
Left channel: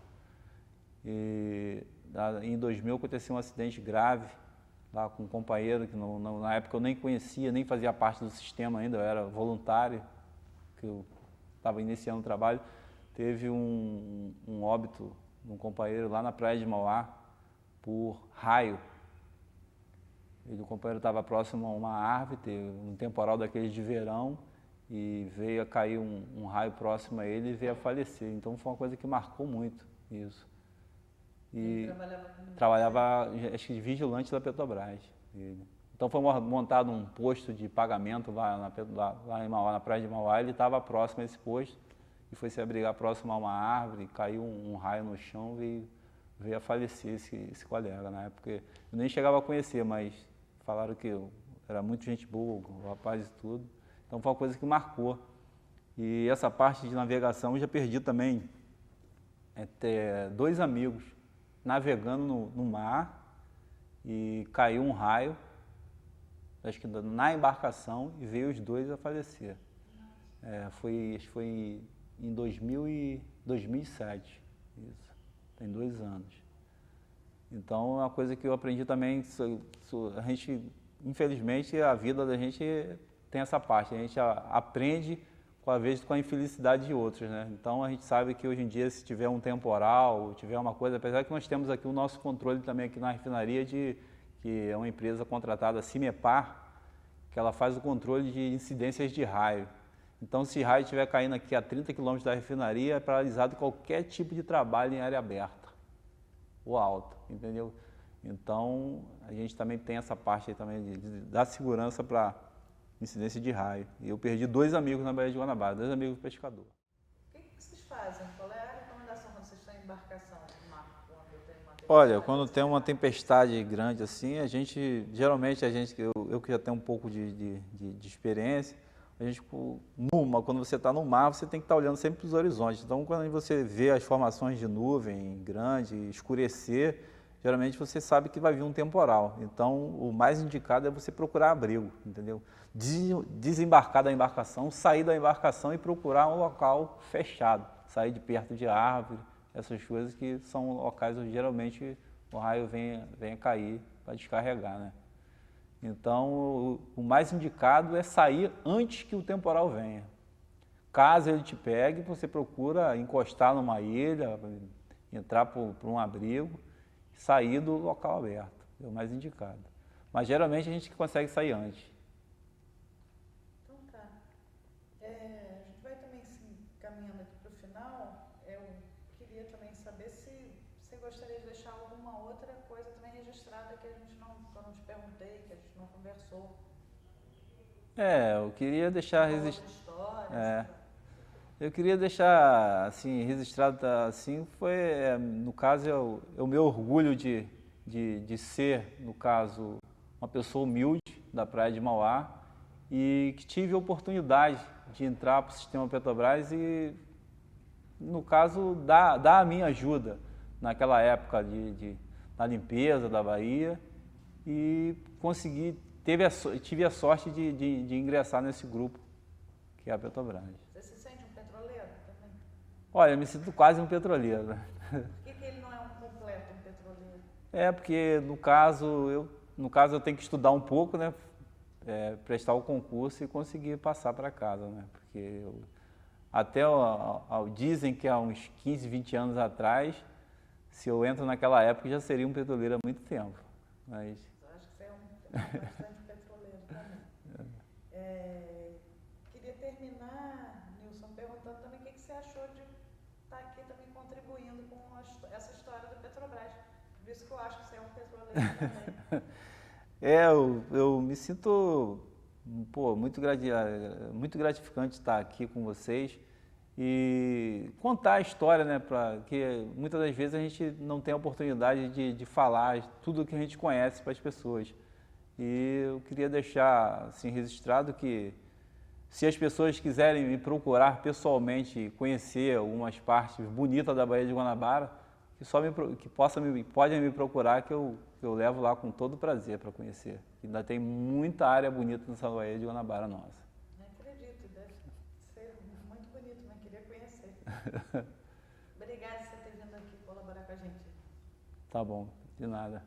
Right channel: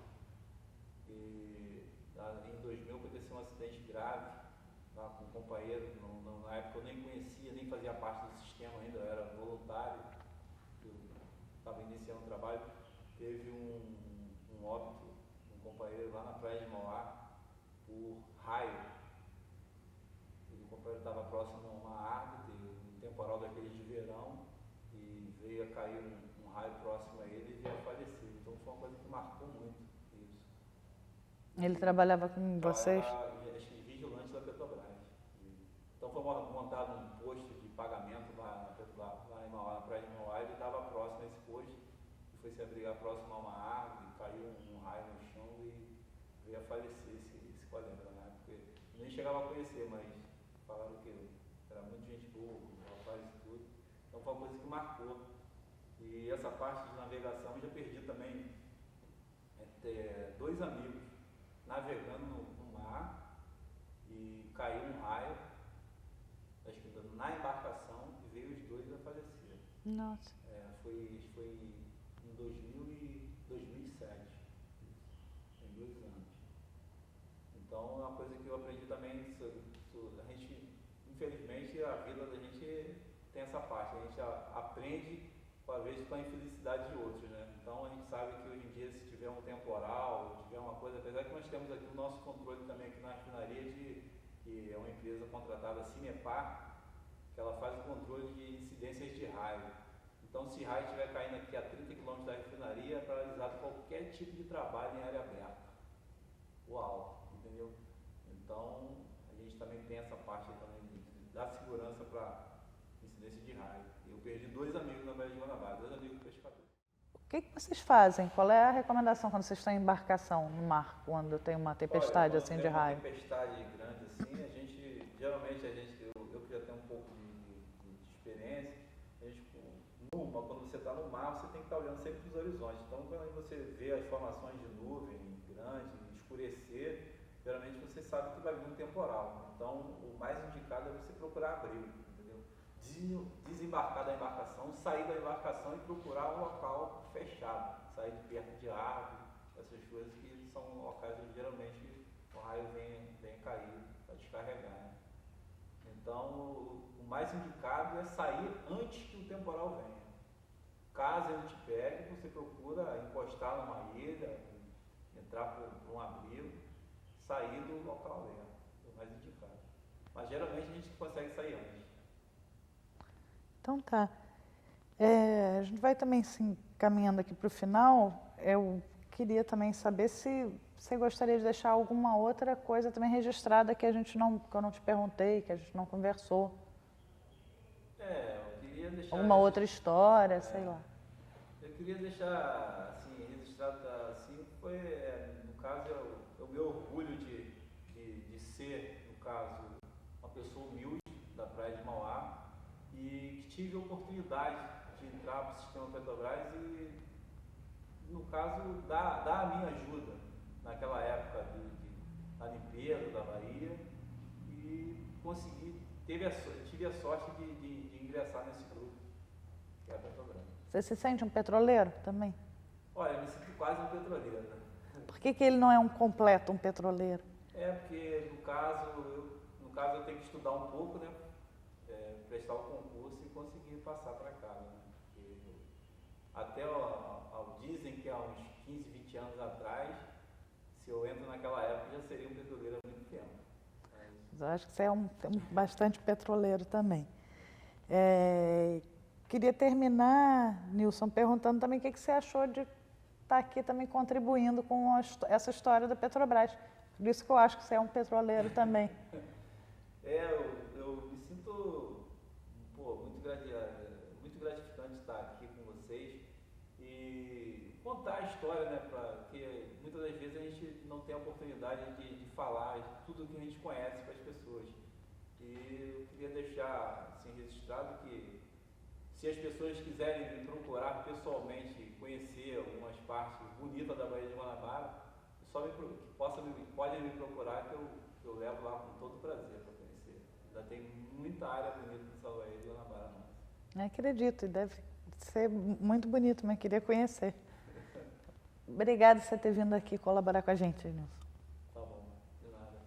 Em 2000 aconteceu um acidente grave lá com um companheiro que na época eu nem conhecia, nem fazia parte do sistema ainda, eu era voluntário, que eu estava iniciando o trabalho. Teve um óbito de um companheiro lá na praia de Mauá por raio. O companheiro estava próximo a uma árvore, teve um temporal daqueles de verão e veio a cair um raio próximo a ele e veio a falecer. Então foi uma coisa que marcou muito isso. Ele trabalhava com vocês? Trabalhava, acho que de vigilante da Petrobras. Então foi montado um posto de pagamento lá em Mauá, na praia de Mauá. Ele estava próximo a esse posto e foi se abrigar próximo a uma árvore, caiu um raio no chão e veio a falecer esse colega. Na época eu nem chegava a conhecer, mas falaram que eu era muito gente boa, o rapaz e tudo. Então foi uma coisa que marcou. E essa parte de navegação eu já perdi também dois amigos navegando no mar e caiu um raio, acho que na embarcação, e veio os dois a falecer. Nossa. Acho que foi em 2007, isso, tem 2 anos. Então é uma coisa que eu aprendi também, a gente, infelizmente, a vida da gente tem essa parte, a gente aprende com a infelicidade de outros, né? Então a gente sabe que hoje em dia, se tiver um temporal, tiver uma coisa, apesar que nós temos aqui o nosso controle também aqui na refinaria, que é uma empresa contratada, a Cimepar, que ela faz o controle de incidências de raio. Então se raio estiver caindo aqui a 30 km da refinaria, é paralisado qualquer tipo de trabalho em área aberta ou alta, entendeu? Então a gente também tem essa parte aí também da segurança para incidência de raio. E eu perdi 2 amigos na Baía de Guanabara, 2 amigos pescadores. O que vocês fazem? Qual é a recomendação quando vocês estão em embarcação no mar, quando tem uma tempestade? Olha, quando assim, tem uma tempestade grande assim, eu que já tenho um pouco de experiência, quando você está no mar, você tem que estar olhando sempre para os horizontes. Então, quando você vê as formações de nuvem grande, escurecer, geralmente você sabe que vai vir um temporal. Então, o mais indicado é você procurar abrigo, entendeu? Desembarcar da embarcação, sair da embarcação e procurar um local fechado, sair de perto de árvore, essas coisas que são locais onde geralmente o raio vem a cair para descarregar, né? Então, o mais indicado é sair antes que o temporal venha. Caso ele te pegue, você procura encostar numa ilha, entrar por um abrigo, sair do local aberto, é o mais indicado. Mas geralmente a gente consegue sair antes. Então tá. A gente vai também se caminhando aqui para o final. Eu queria também saber se você gostaria de deixar alguma outra coisa também registrada que eu não te perguntei, que a gente não conversou. Eu queria deixar... Uma outra história, sei lá. Eu queria deixar, assim, registrado, assim, no caso, é o meu orgulho de ser, no caso, uma pessoa humilde da Praia de Mauá e que tive a oportunidade de entrar para o sistema Petrobras e, no caso, dar a minha ajuda naquela época na limpeza da Bahia e tive a sorte de ingressar nesse grupo, que é a Petrobras. Você se sente um petroleiro também? Olha, eu me sinto quase um petroleiro, né? Por que ele não é um completo, um petroleiro? Porque no caso eu tenho que estudar um pouco, né? Prestar o concurso e conseguir passar para casa, né? Porque dizem que há uns 15, 20 anos atrás, se eu entro naquela época, já seria um petroleiro há muito tempo. Mas eu acho que você é bastante petroleiro também. Queria terminar, Nilson, perguntando também o que você achou de estar aqui também contribuindo com essa história da Petrobras. Por isso que eu acho que você é um petroleiro também. Eu me sinto muito gratificante estar aqui com vocês e contar a história, né? Porque muitas das vezes a gente não tem a oportunidade de falar tudo o que a gente conhece para as pessoas. E eu queria deixar assim, registrado que se as pessoas quiserem me procurar pessoalmente, conhecer algumas partes bonitas da Baía de Guanabara, podem me procurar que eu levo lá com todo prazer para conhecer. Ainda tem muita área bonita nessa Baía de Guanabara nossa. Acredito, e deve ser muito bonito, mas queria conhecer. Obrigada por você ter vindo aqui colaborar com a gente, Nilson. Tá bom, de nada.